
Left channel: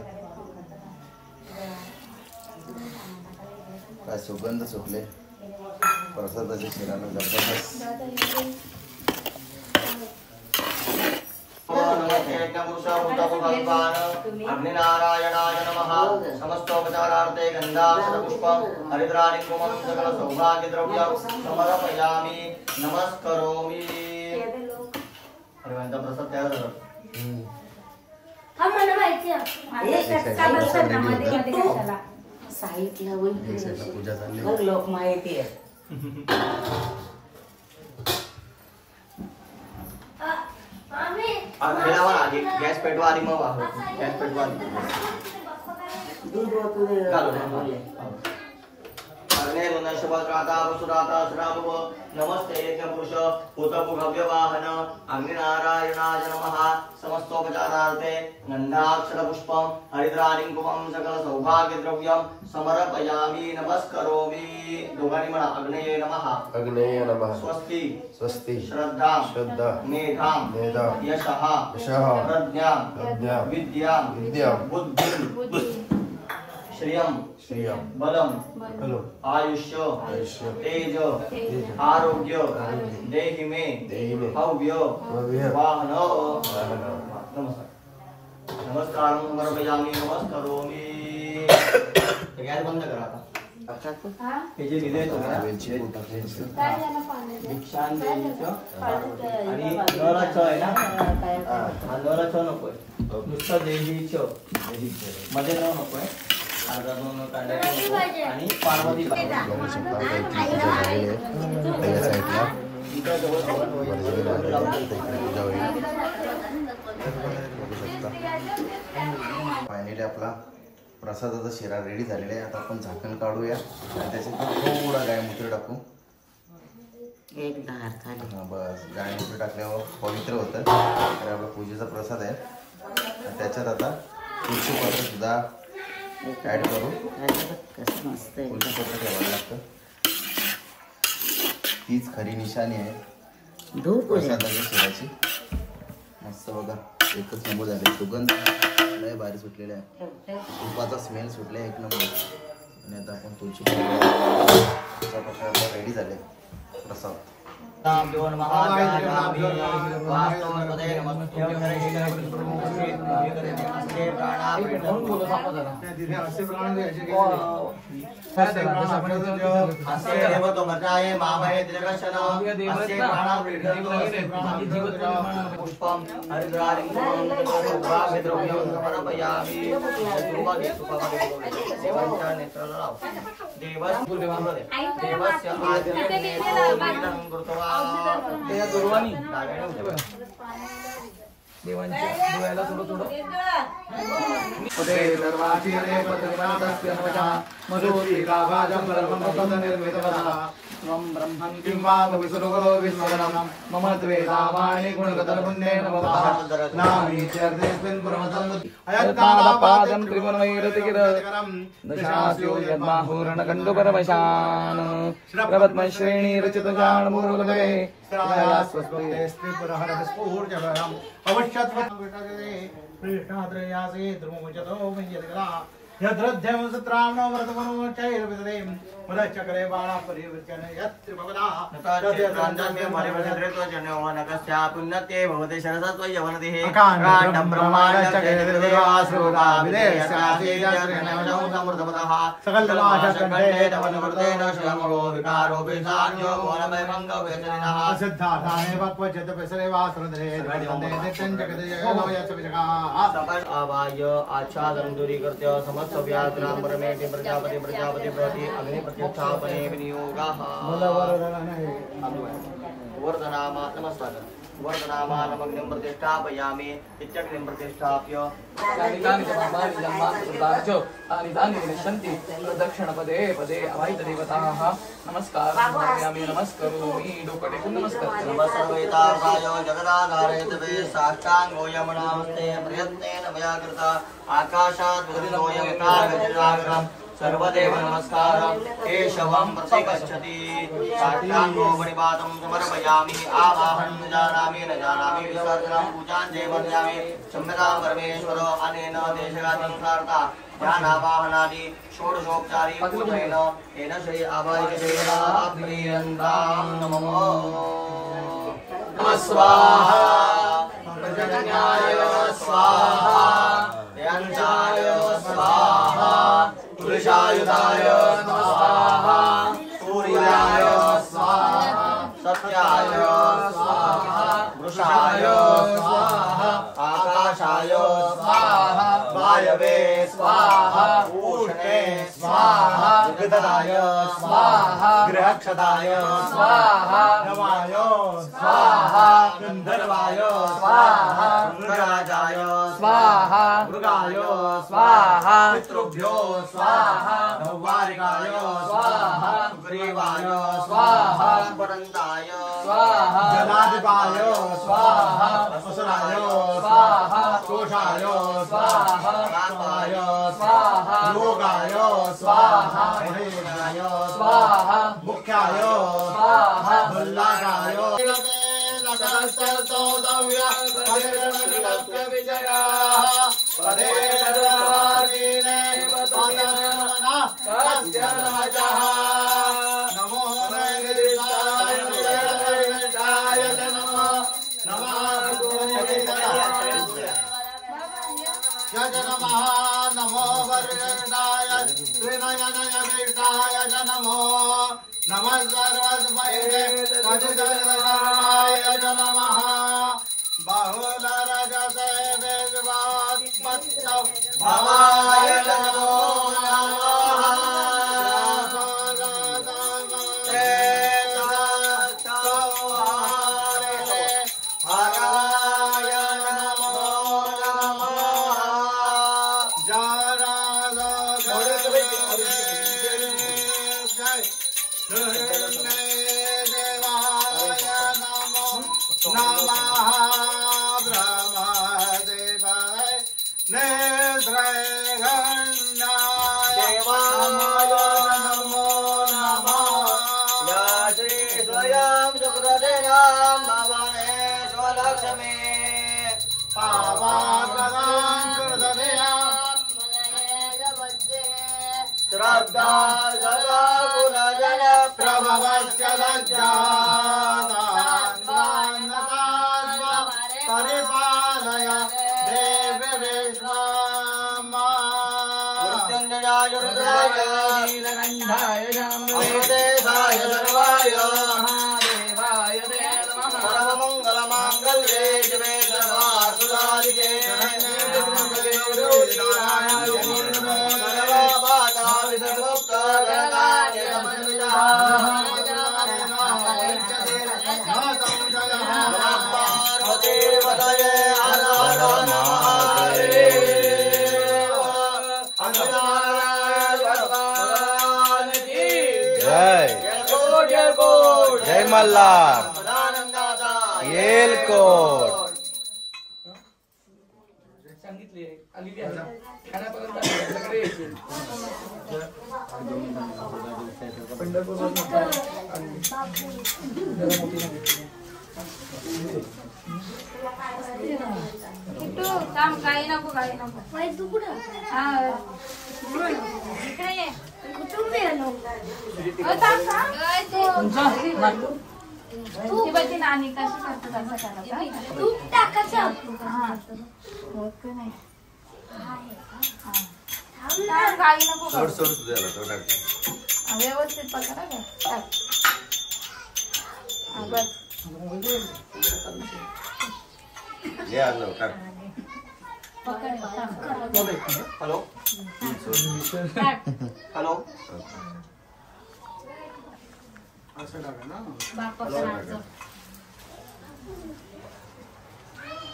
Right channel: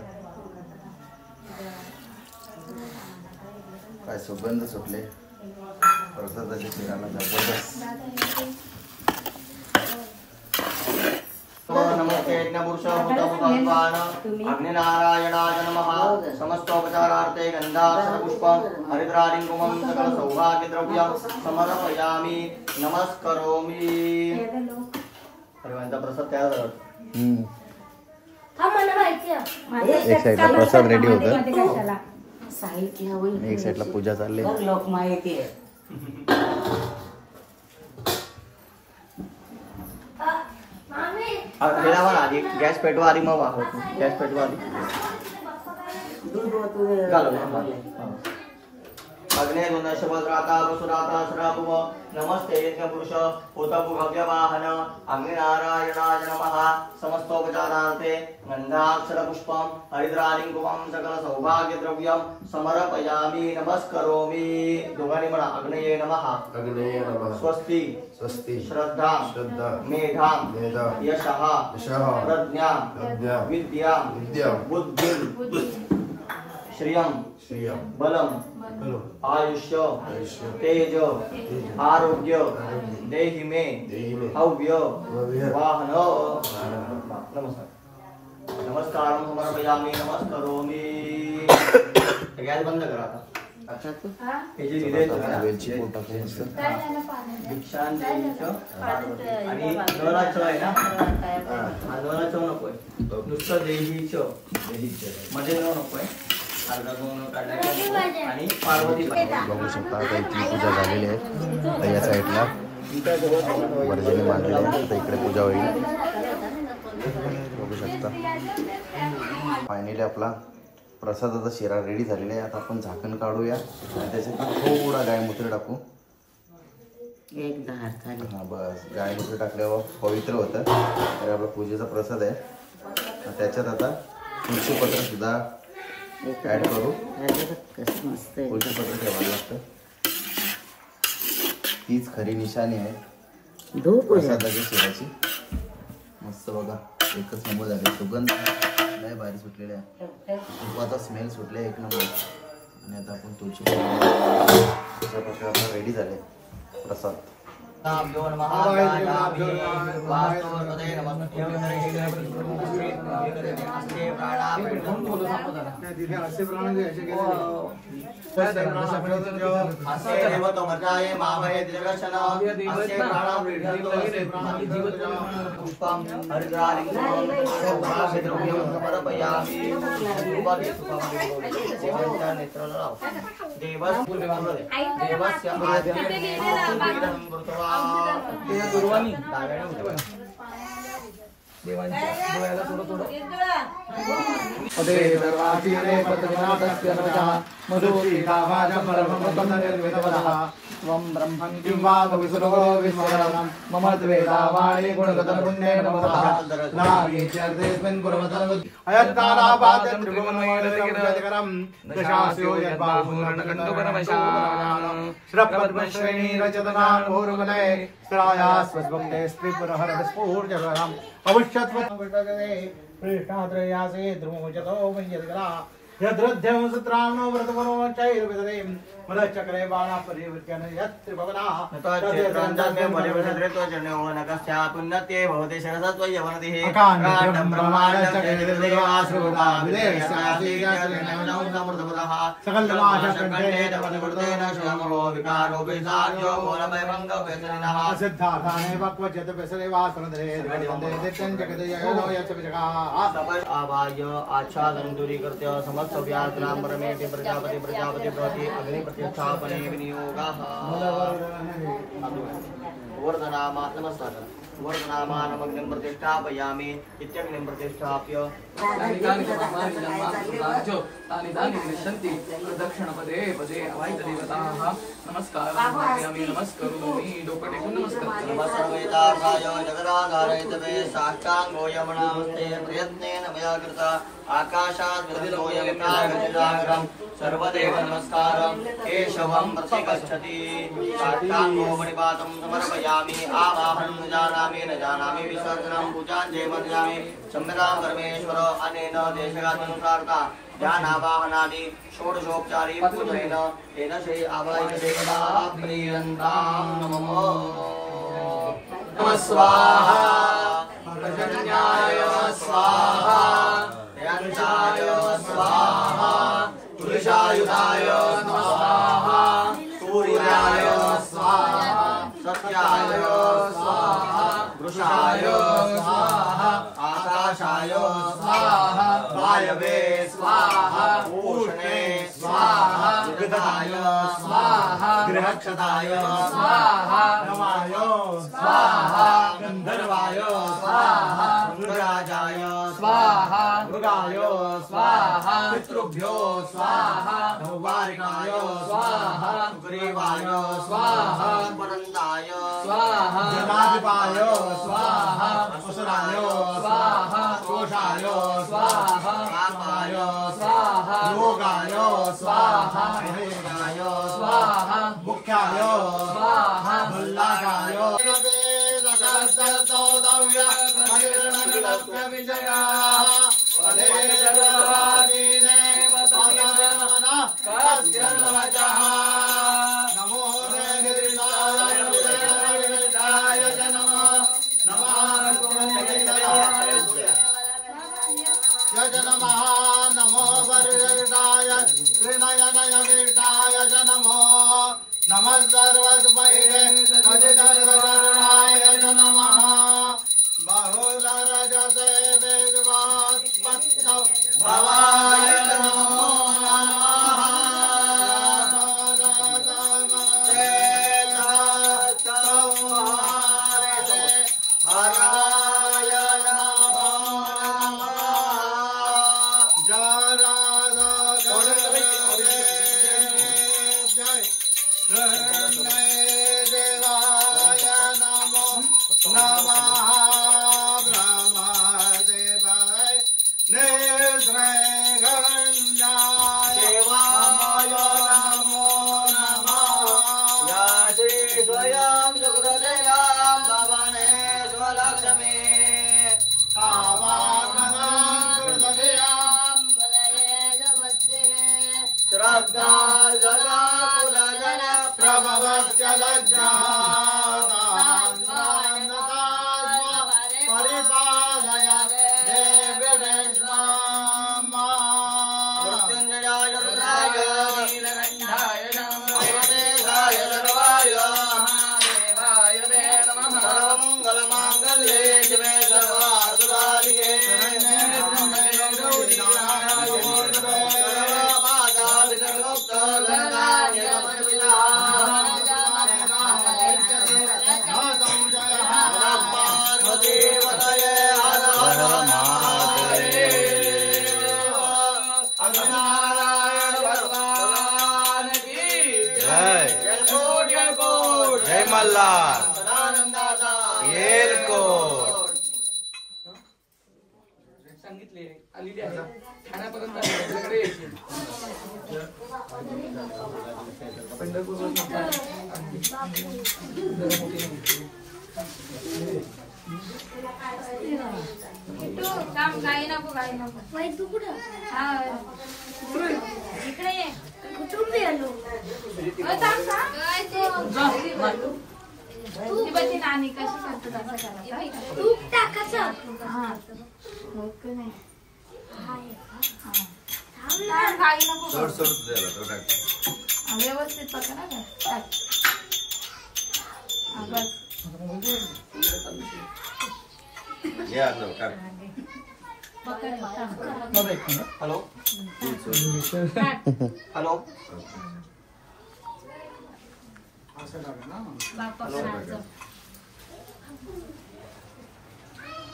काय सुगंध सुटले. प्रसादाच्या शिराला जबरदस्त. अग्निनारायणाय नमः. समस्तोपचारार्थे गंधाक्षरपुष्पं हरिद्रारिं कुमं सकल सौभाग्यद्रव्यं समर्पयामि नमस्करोमि. सर्वांचा प्रसाद तयार झाला. एक साईडला प्रसाद रेडी होता. साहित्य एक साईडला पूजा चालली. लोक माहिती आहे. आधी गॅस पेटवा. आधी मग गॅस पेटवा. दूध अग्ने दुन्दशभद्राता वसुराता सदाभुव नमस्ते यज्ञपुरुष उतपु भव्यवाहन अग्निनारायणाय नमः समस्तोपचारार्थे गन्धाक्षरपुष्पं हरिद्रालिङ्गुमं सकलसौभाग्यद्रव्यं समर्पयामि नमस्करोमि दोघांनी म्हणा अग्नेय नमः अग्नेय नमः स्वस्ति स्वस्ति श्रद्धा श्रद्धा मेधा मेधा यशः यशः प्रज्ञा प्रज्ञा विद्या विद्या बुद्धि श्रियं श्रियं बलम बलो आयुष्य आयुष्य तेज तेज आरोग्य आरोग्य देहि मे देहि मे हव्य हव्य वाहन वाहन नमस्कार समर्पयामि नमस्करोमि गॅस बंद करा आता हा? हे जे लिहिलंय ना, वेलची पूड टाकून मस्त. काय झालं पाण्याचं? भिक्षांदेवीचं आणि नवरा च आहे ना हा नवरा च नकोय नुसतं देवीच मध्ये जाऊ नकोय अर्धा दोन काढायचं आणि पार्वती बघू शकता आता इथली पूजा झालेली आहे आता या साईडला वर्जनी मांडलेली आहे आता इकडे पूजा होईल बघू शकता फायनली आपला प्रसादाचा शिरा रेडी झालेला आहे आता आपण झाकण काढूया आणि त्याच्यात थोडा गायमुत्र टाकू एक धार खाली हा बस गायमुत्र टाकल्यावर पवित्र होतं तर आपला पूजेचा प्रसाद आहे आणि त्याच्यात आता तुळशीपत्र सुद्धा ऍड करू कसं मस्त आहे तुळशीपत्र ठेवायला लागतं तीच खरी निशाणी आहे धूप प्रसादाच्या शिराची मस्त बघा एकच नंबर झाले सुगंध लय भारी सुटलेले आहे तुपाचा स्मेल सुटले एक नंबर आणि आता आपण तुळशी अशा प्रकारे आपला रेडी झाले प्रसाद नामदेव महादेव वास्तवपदे नमस्ते असे प्रमाणे असे देवतोमचाये मामहे देवशना असे पुष्पम हरिद्रालिङ्गं सर्वाभिद्रव्यं समर्पयामि देवांच्या नेत्राला देवस कुलदेवांमध्ये देवस्य तिथे लिहिलेलं त्या दुर्वाणी देवांच्या डोळ्याला थोडं पदे सर्वातीरे पद्मनाथस्य नमः मधुरीकाभाजं ब्रह्मवतं निर्मितवदः त्वं ब्रह्मं किं वा कविसुरगो विश्वकरं मम द्वेदावाणि गुणगतं पुण्येन भवतः नामीत्यर्देऽस्मिन् पुरवतं अयत्तापादं त्रिगुणमैरतिगिरं दशास्यो यद्बाहुरणकण्डुपरवशान् श्रपद्मश्रेणीरचतुर्गाणमुरुगदवे स्त्रायास्वस्वक्ते स्त्रीपुरहरस्फूर्जगरम् अवश्यत्वविटजते प्रेष्ठात्रयासे ध्रुवमुचतो मय्यद्गला यद्रध्यं सत्रावणो व्रतपरोमचैर्विदरे मदचक्रे बाणापरिवर्तन यत्रिभवना तद्यत्रान्ताद्य परिवर्तयतो जनोनकस्या पुण्यते भवते शरसत्व यवनतिः अकाण्डं ब्रह्माण्डचक्रेविदेशादिगश्रेणो समृद्धपदः सकलमाशकण्ठे तवनवर्तेन श्यामो विकारो विसार्यो घोरमयभङ्गो व्यसनिनः सिद्धार्थाने वक्वचित् पिसरे वासुरधरे वन्दे नित्यं जगति जगतो यत् विजगाः तपस् आवाय आच्छादनं दूरीकृत्य समस्त व्याघ्रां परमेति प्रजापति प्रति अग्नि प्रतिष्ठापने विनियोगः वर्धनामा नमस्कार वर्धनामानमग्निं प्रतिष्ठापयामि इत्यग्निं प्रतिष्ठाप्य दक्षिणपदे पदे अवैतदेवताः नमस्कार नमस्करोमि डोकटेकून नमस्कार नमस्वेतार्हाय जगदाधारयितवे साष्टाङ्गो यमुनास्ते प्रयत्नेन मया कृता आकाशात् वरुणोऽयं नागजनाग्रं सर्वदेव नमस्कारं केशवं प्रतिगच्छति साष्टाङ्गो मणिपातं समर्पयामि आवाहनं न जानामि विश्वासनं पूजां जयमर्यामि क्षम्यतां परमेश्वर अनेन देशगात्यनुसारता ध्यानावाहनादि षोडशोपचारी पूजनेन तेन श्री आवाहयेन प्रियन्तां नमो नमः स्वाहा पर्जन्याय स्वाहा यञ्चाय स्वाहा तुलसायुधाय स्वाहा सूर्याय स्वाहा सत्याय स्वाहा वृषाय स्वाहा आकाशाय स्वाहा वायवे स्वाहा उष्णे स्वाहा विगताय स्वाहा गृहक्षताय स्वाहा नवाय स्वाहा गंधर्वाय स्वाहा मृगराजाय स्वाहा मृगाय स्वाहा पितृभ्यो स्वाहा नवारिकाय स्वाहा ग्रीवाय स्वाहा पुरंदाय स्वाहा जनाधिपाय स्वाहा असुराय स्वाहा शोषाय स्वाहा कामाय स्वाहा योगाय स्वाहा महेशाय स्वाहा मुख्याय स्वाहा भल्लाकाय नमो नमः नमो वरदाय त्रिनयनयदेशाय नमो नमः सर्वस्मये मधुधर्वराय नमः बहुलरजते वेदवात्मत्तौ भवाय नमो परिपालय जय मल्हार येलकोट सांगितले आलेली आहे ठाण्यापर्यंत आपल्याकडे गाई नको गाई नको इकडे ये कुठून आलो ती बघ ती नानी कशी करते कसं करायचं तूप टाकायचं हा नाही गाई नको व्यवस्थित पकडा बस हॅलो हॅलो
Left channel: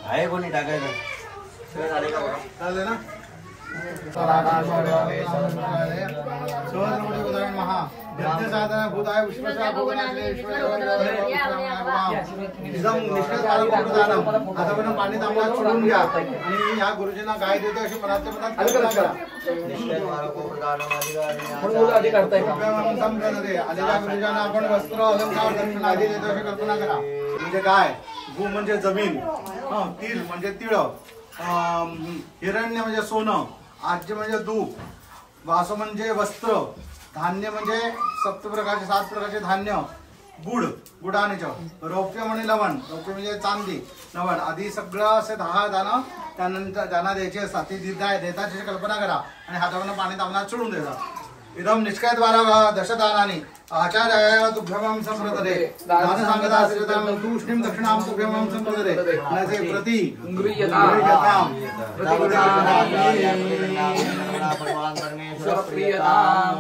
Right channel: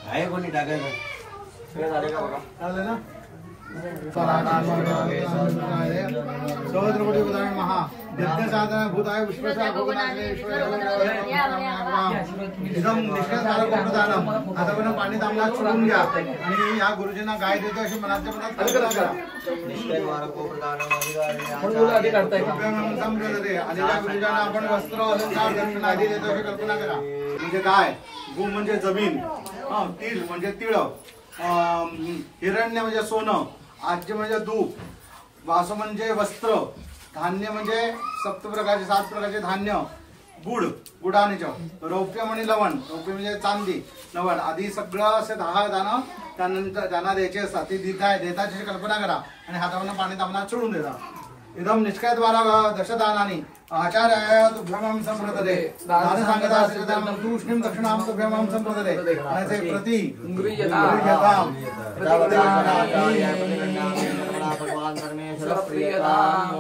आहे कोणी टाकायचं चालेल ना सहस्रकोटी उदाहरण महा यज्ञसाधन भूताय विश्वसाय भोगनाथले आता पण पाणी तांबडा चोळून घ्या आणि या गुरुजींना गाय देतो अशी मनाच्या मनात आलेल्या गुरुजांना आपण वस्त्र अलंकार दक्षिणा आधी देतो अशी कल्पना करा. म्हणजे काय गु म्हणजे जमीन, तीळ म्हणजे तिळ, हिरण्य म्हणजे सोनं, आज्य म्हणजे दूध, वासो म्हणजे वस्त्र, धान्य म्हणजे 7 प्रकारचे धान्य, गुड गुडाने, रौप्य म्हणजे लवण, रौप्य म्हणजे चांदी, नवण आधी सगळं असे 10 दाणं त्यानंतर त्यांना द्यायचे असतात. ती देताची कल्पना करा आणि हातावरनं पाणी तांबण्यात चोळून देता. इदम निष्कायद्वारा दशदानानि आचार्याय तुभ्यमं संप्रदते दान सांगता श्रीदाम तूष्णीं दक्षिणां तुभ्यमं संप्रदते अनसे प्रति उंग्रियताम भगवान परमेश्वर प्रियताम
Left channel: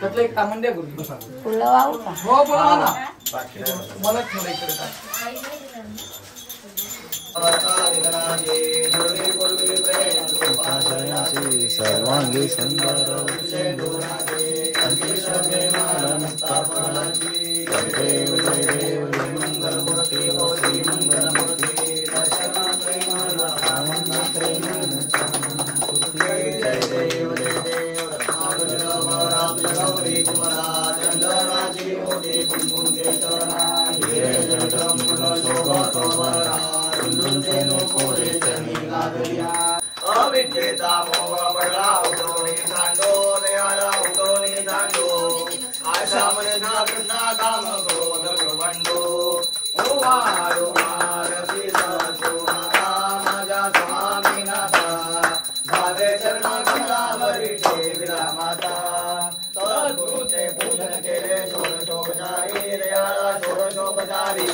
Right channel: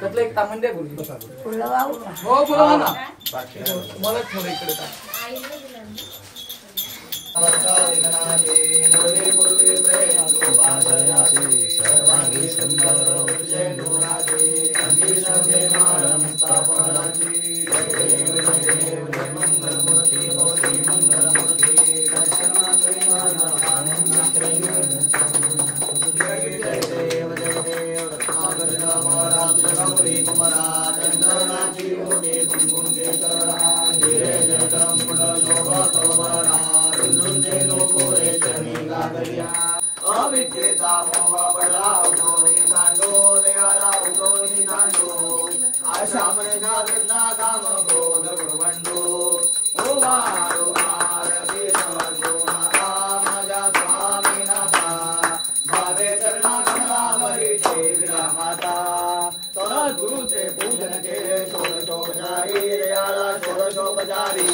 त्यातलं एक टाकून द्या गुरुजी. हो बोला ना. मला थोडं इकडे टाक. सर्वांगी सुंदर अविद्येचा मोह पडला उडोनी सांडो देवाला उडोनी सांडो आशा मना कृष्णा काम क्रोध प्रबंधो ओवार ओवार श्रीनाथा माझ्या स्वामीनाथा भावे चरणा कमलावरी ठेविला माता सद्गुरूचे पूजन केले षोडशोपचारी दयाला षोडशोपचारी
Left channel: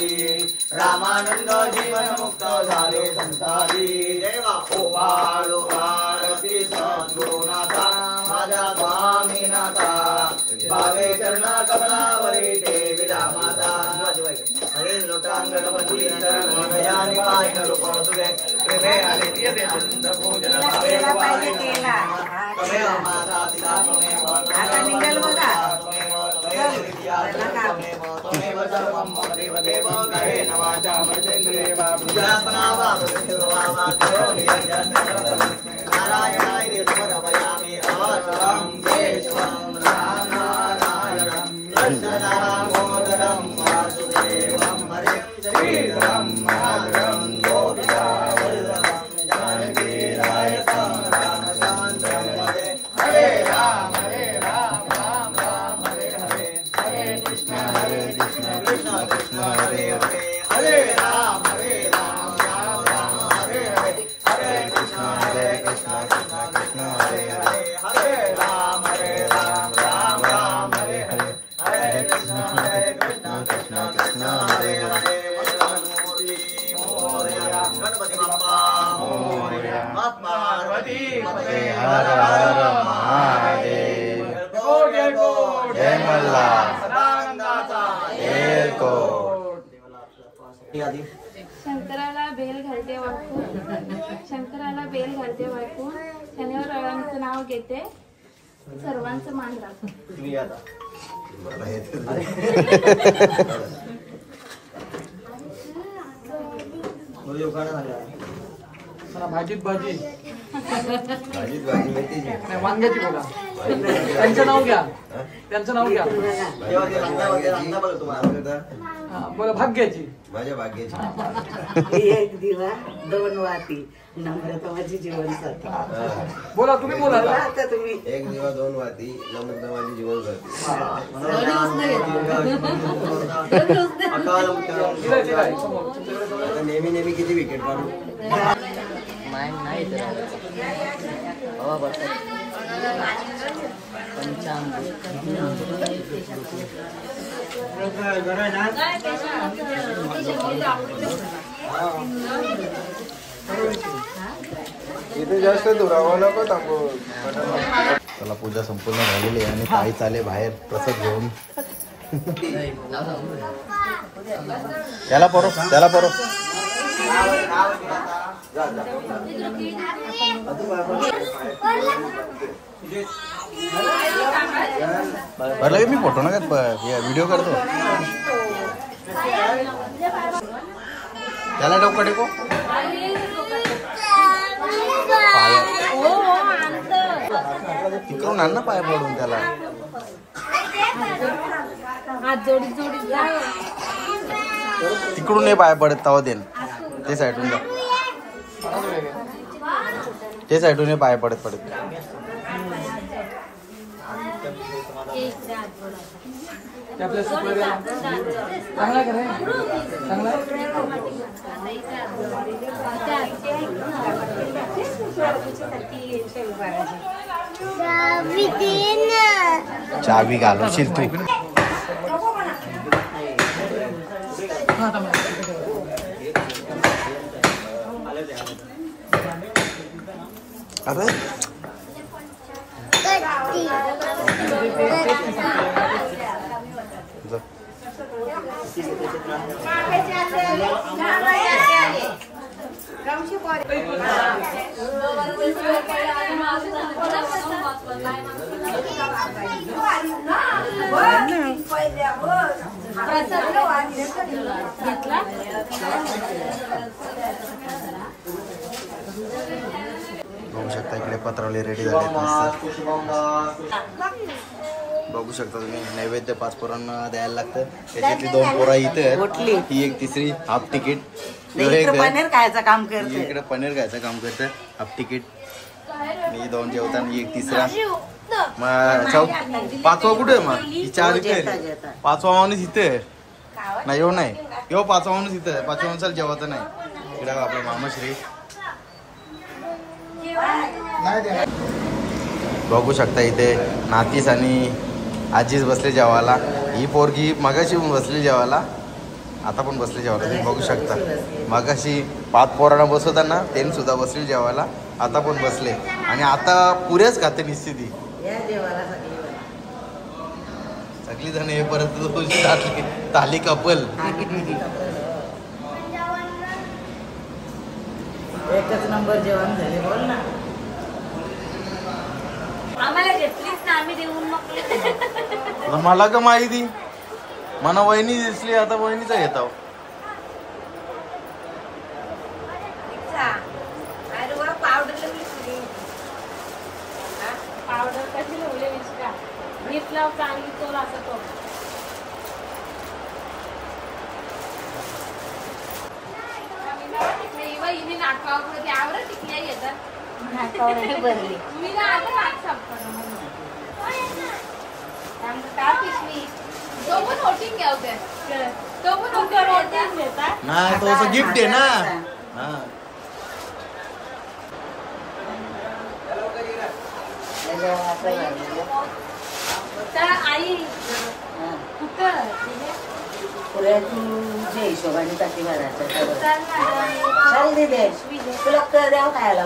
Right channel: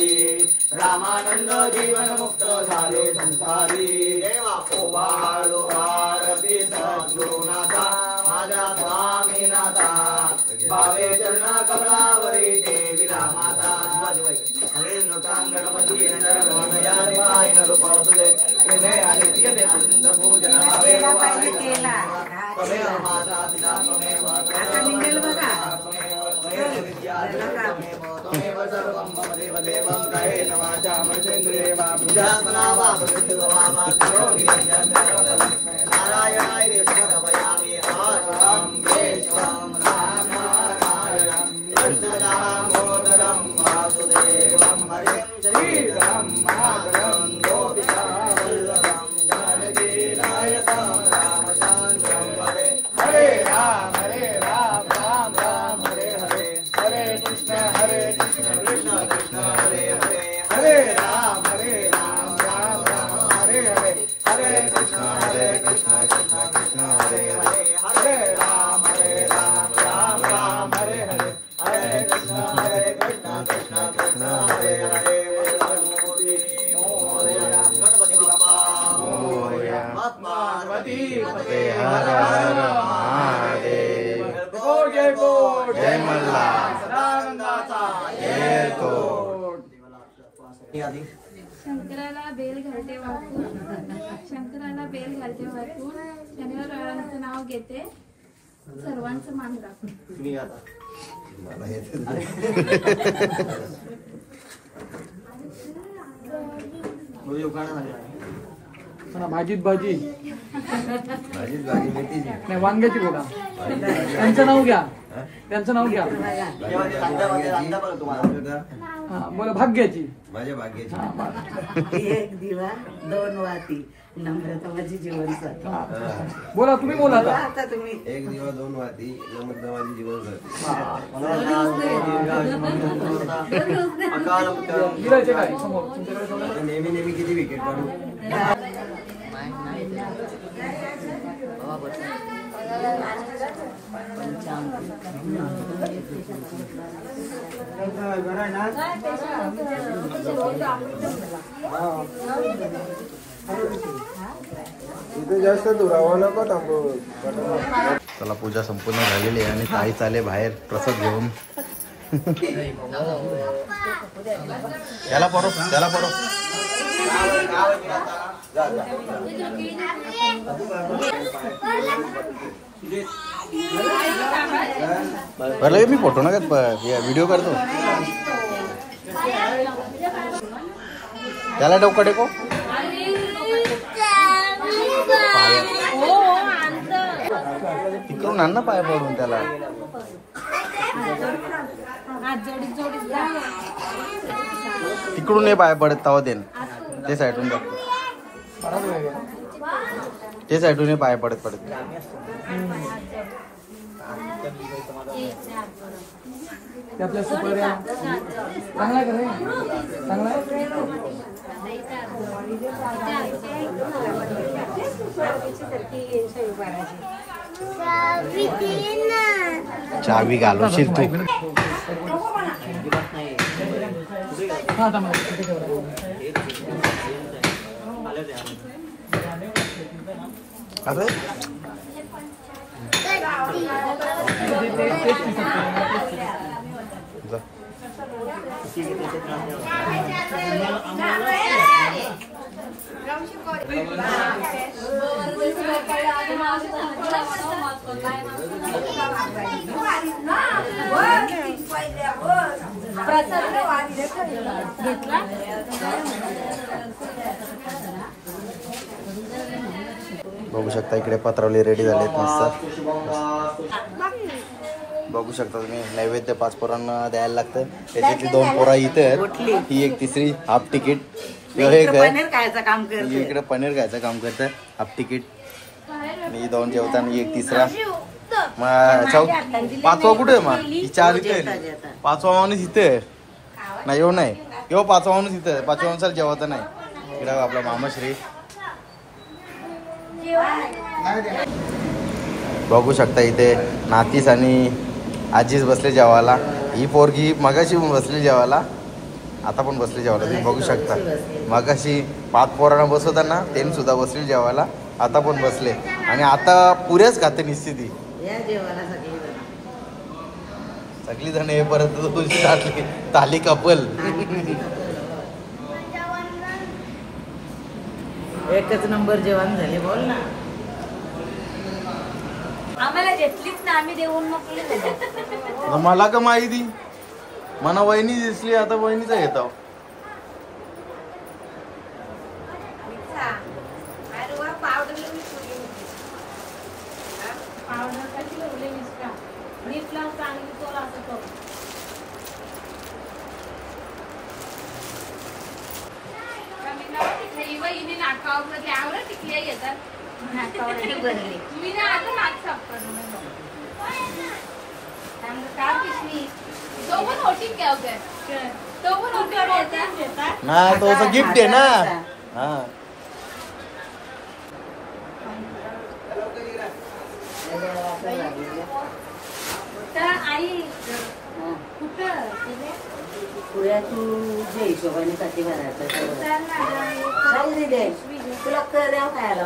रामानंद जीवन मुक्त झाले संसारी देवा ओवाळ ओवाळ सद्गुरुनाथा माझ्या स्वामीनाथा भावे चरणा कमलावरी ठेविला माता हरे लोटांग गणपती नयनाने काय रूप तुझे प्रेमे आदित्य अनंत पूजन भावे केला त्वमेव माता पिता त्वमेव त्वमेव सर्वं मम देव देवं कायेन वाचा मनसेन्द्रिये वा बुद्ध्यात्मना वा नारायणाय समर्पयामि अहं केशवं रामनारायणं कृष्णदामोदरं वासुदेवं हरे श्रीराम माधवं गोपिकावल्लभं जानकीनायकं रामचन्द्रं हरे हरे राम राम राम हरे हरे हरे कृष्ण कृष्ण कृष्ण हरे हरे हरे राम राम राम हरे हरे हरे कृष्ण कृष्ण कृष्ण हरे हरे हरे राम राम राम हरे हरे हरे कृष्ण कृष्ण कृष्ण हरे हरे मंगलमूर्ति मोरया गणपति बप्पा मोरया पार्वती पते हर हर महादेव जय मल्ला शंकराला बेल घालते वाकून शंकराला बेल घालते वाकून शनिवार रविवारचं नाव घेते सर्वांचं मान राखून. मला हे भाजीत भाजी भाजीत भाजी मेथीची नाही वांग्याची बोला. त्यांचं नाव घ्या. त्यांचं नाव घ्या. हा, बोला भाग्याची. माझ्या भाग्याची एक दिवा दोन वाती नम्रता माझी जीवनसाथी. बोला तुम्ही बोला आता. आता तुम्ही एक दिवा दोन वाती नम्रता माझी जीवन जाती. दिलं ठीक आहे. समोर तुमच्याकडे समोर. आता नेहमी नेहमी किती विकेट काढू. इथे जास्त दुरावं नको टाकू. चला पूजा संपूर्ण झालेली आहे आणि ताई चाले बाहेर प्रसाद घेऊन. त्याला परो लगे मी फोटो ना व्हिडिओ करतो. त्याला डोका टेको तिकडून आण ना पाय पडून त्याला. तिकडून नाही पाय पडत तवा देन ते साईडून जा. ते साईडून पाय पडत आपल्या सुपाऱ्या चांगला आहे का नाही? चावी घालवशील तू. हा अरे जा. बघू शकता इकडे पत्रावली रेडी झालेत मस्त. बघू शकता तुम्ही नैवेद्य 5 पोरांना द्यायला लागतं. त्याच्यातली 2 पोरा इथे आहेत, ही एक तिसरी हाफ तिकीट. पनीर खायचं काम करते. इकडे पनीर खायचं काम करतं हाफ तिकीट. आणि ही 2 जेवताना ही एक तिसरा. मग 5वा कुठे आहे? मग ही 4 इथे आहे. 5वा माणूस इथे आहे. नाही येऊ नाही येऊ 5वा माणूस इथे आहे. 5व्या माणसाला जेवत नाही. इकडे आपला मामाश्री बघू शकता. इथे नातीस आणि आजीच बसले जेवायला. ही पोरगी मगाशी बसली जेवायला, आता पण बसली जेवायला. तुम्ही बघू शकता मगाशी 5 पोरांना बसवताना त्यांनी सुद्धा बसली जेवायला, आता पण बसले. आणि आता पुरेच खाते निश्चिती सगळी जण हे परत तुझी ताली कपल. एकच नंबर जेवण झाले. बोल ना आम्हाला घेतलीच ना, आम्ही देऊन नको. मला का माहिती, मला वहिनी दिसली, आता वहिनीचा घेतो. नाही तो असं गिफ्ट आहे ना. हा आई जे हिशोबाने साठी भरायचं तुला कर द्यावं खायला.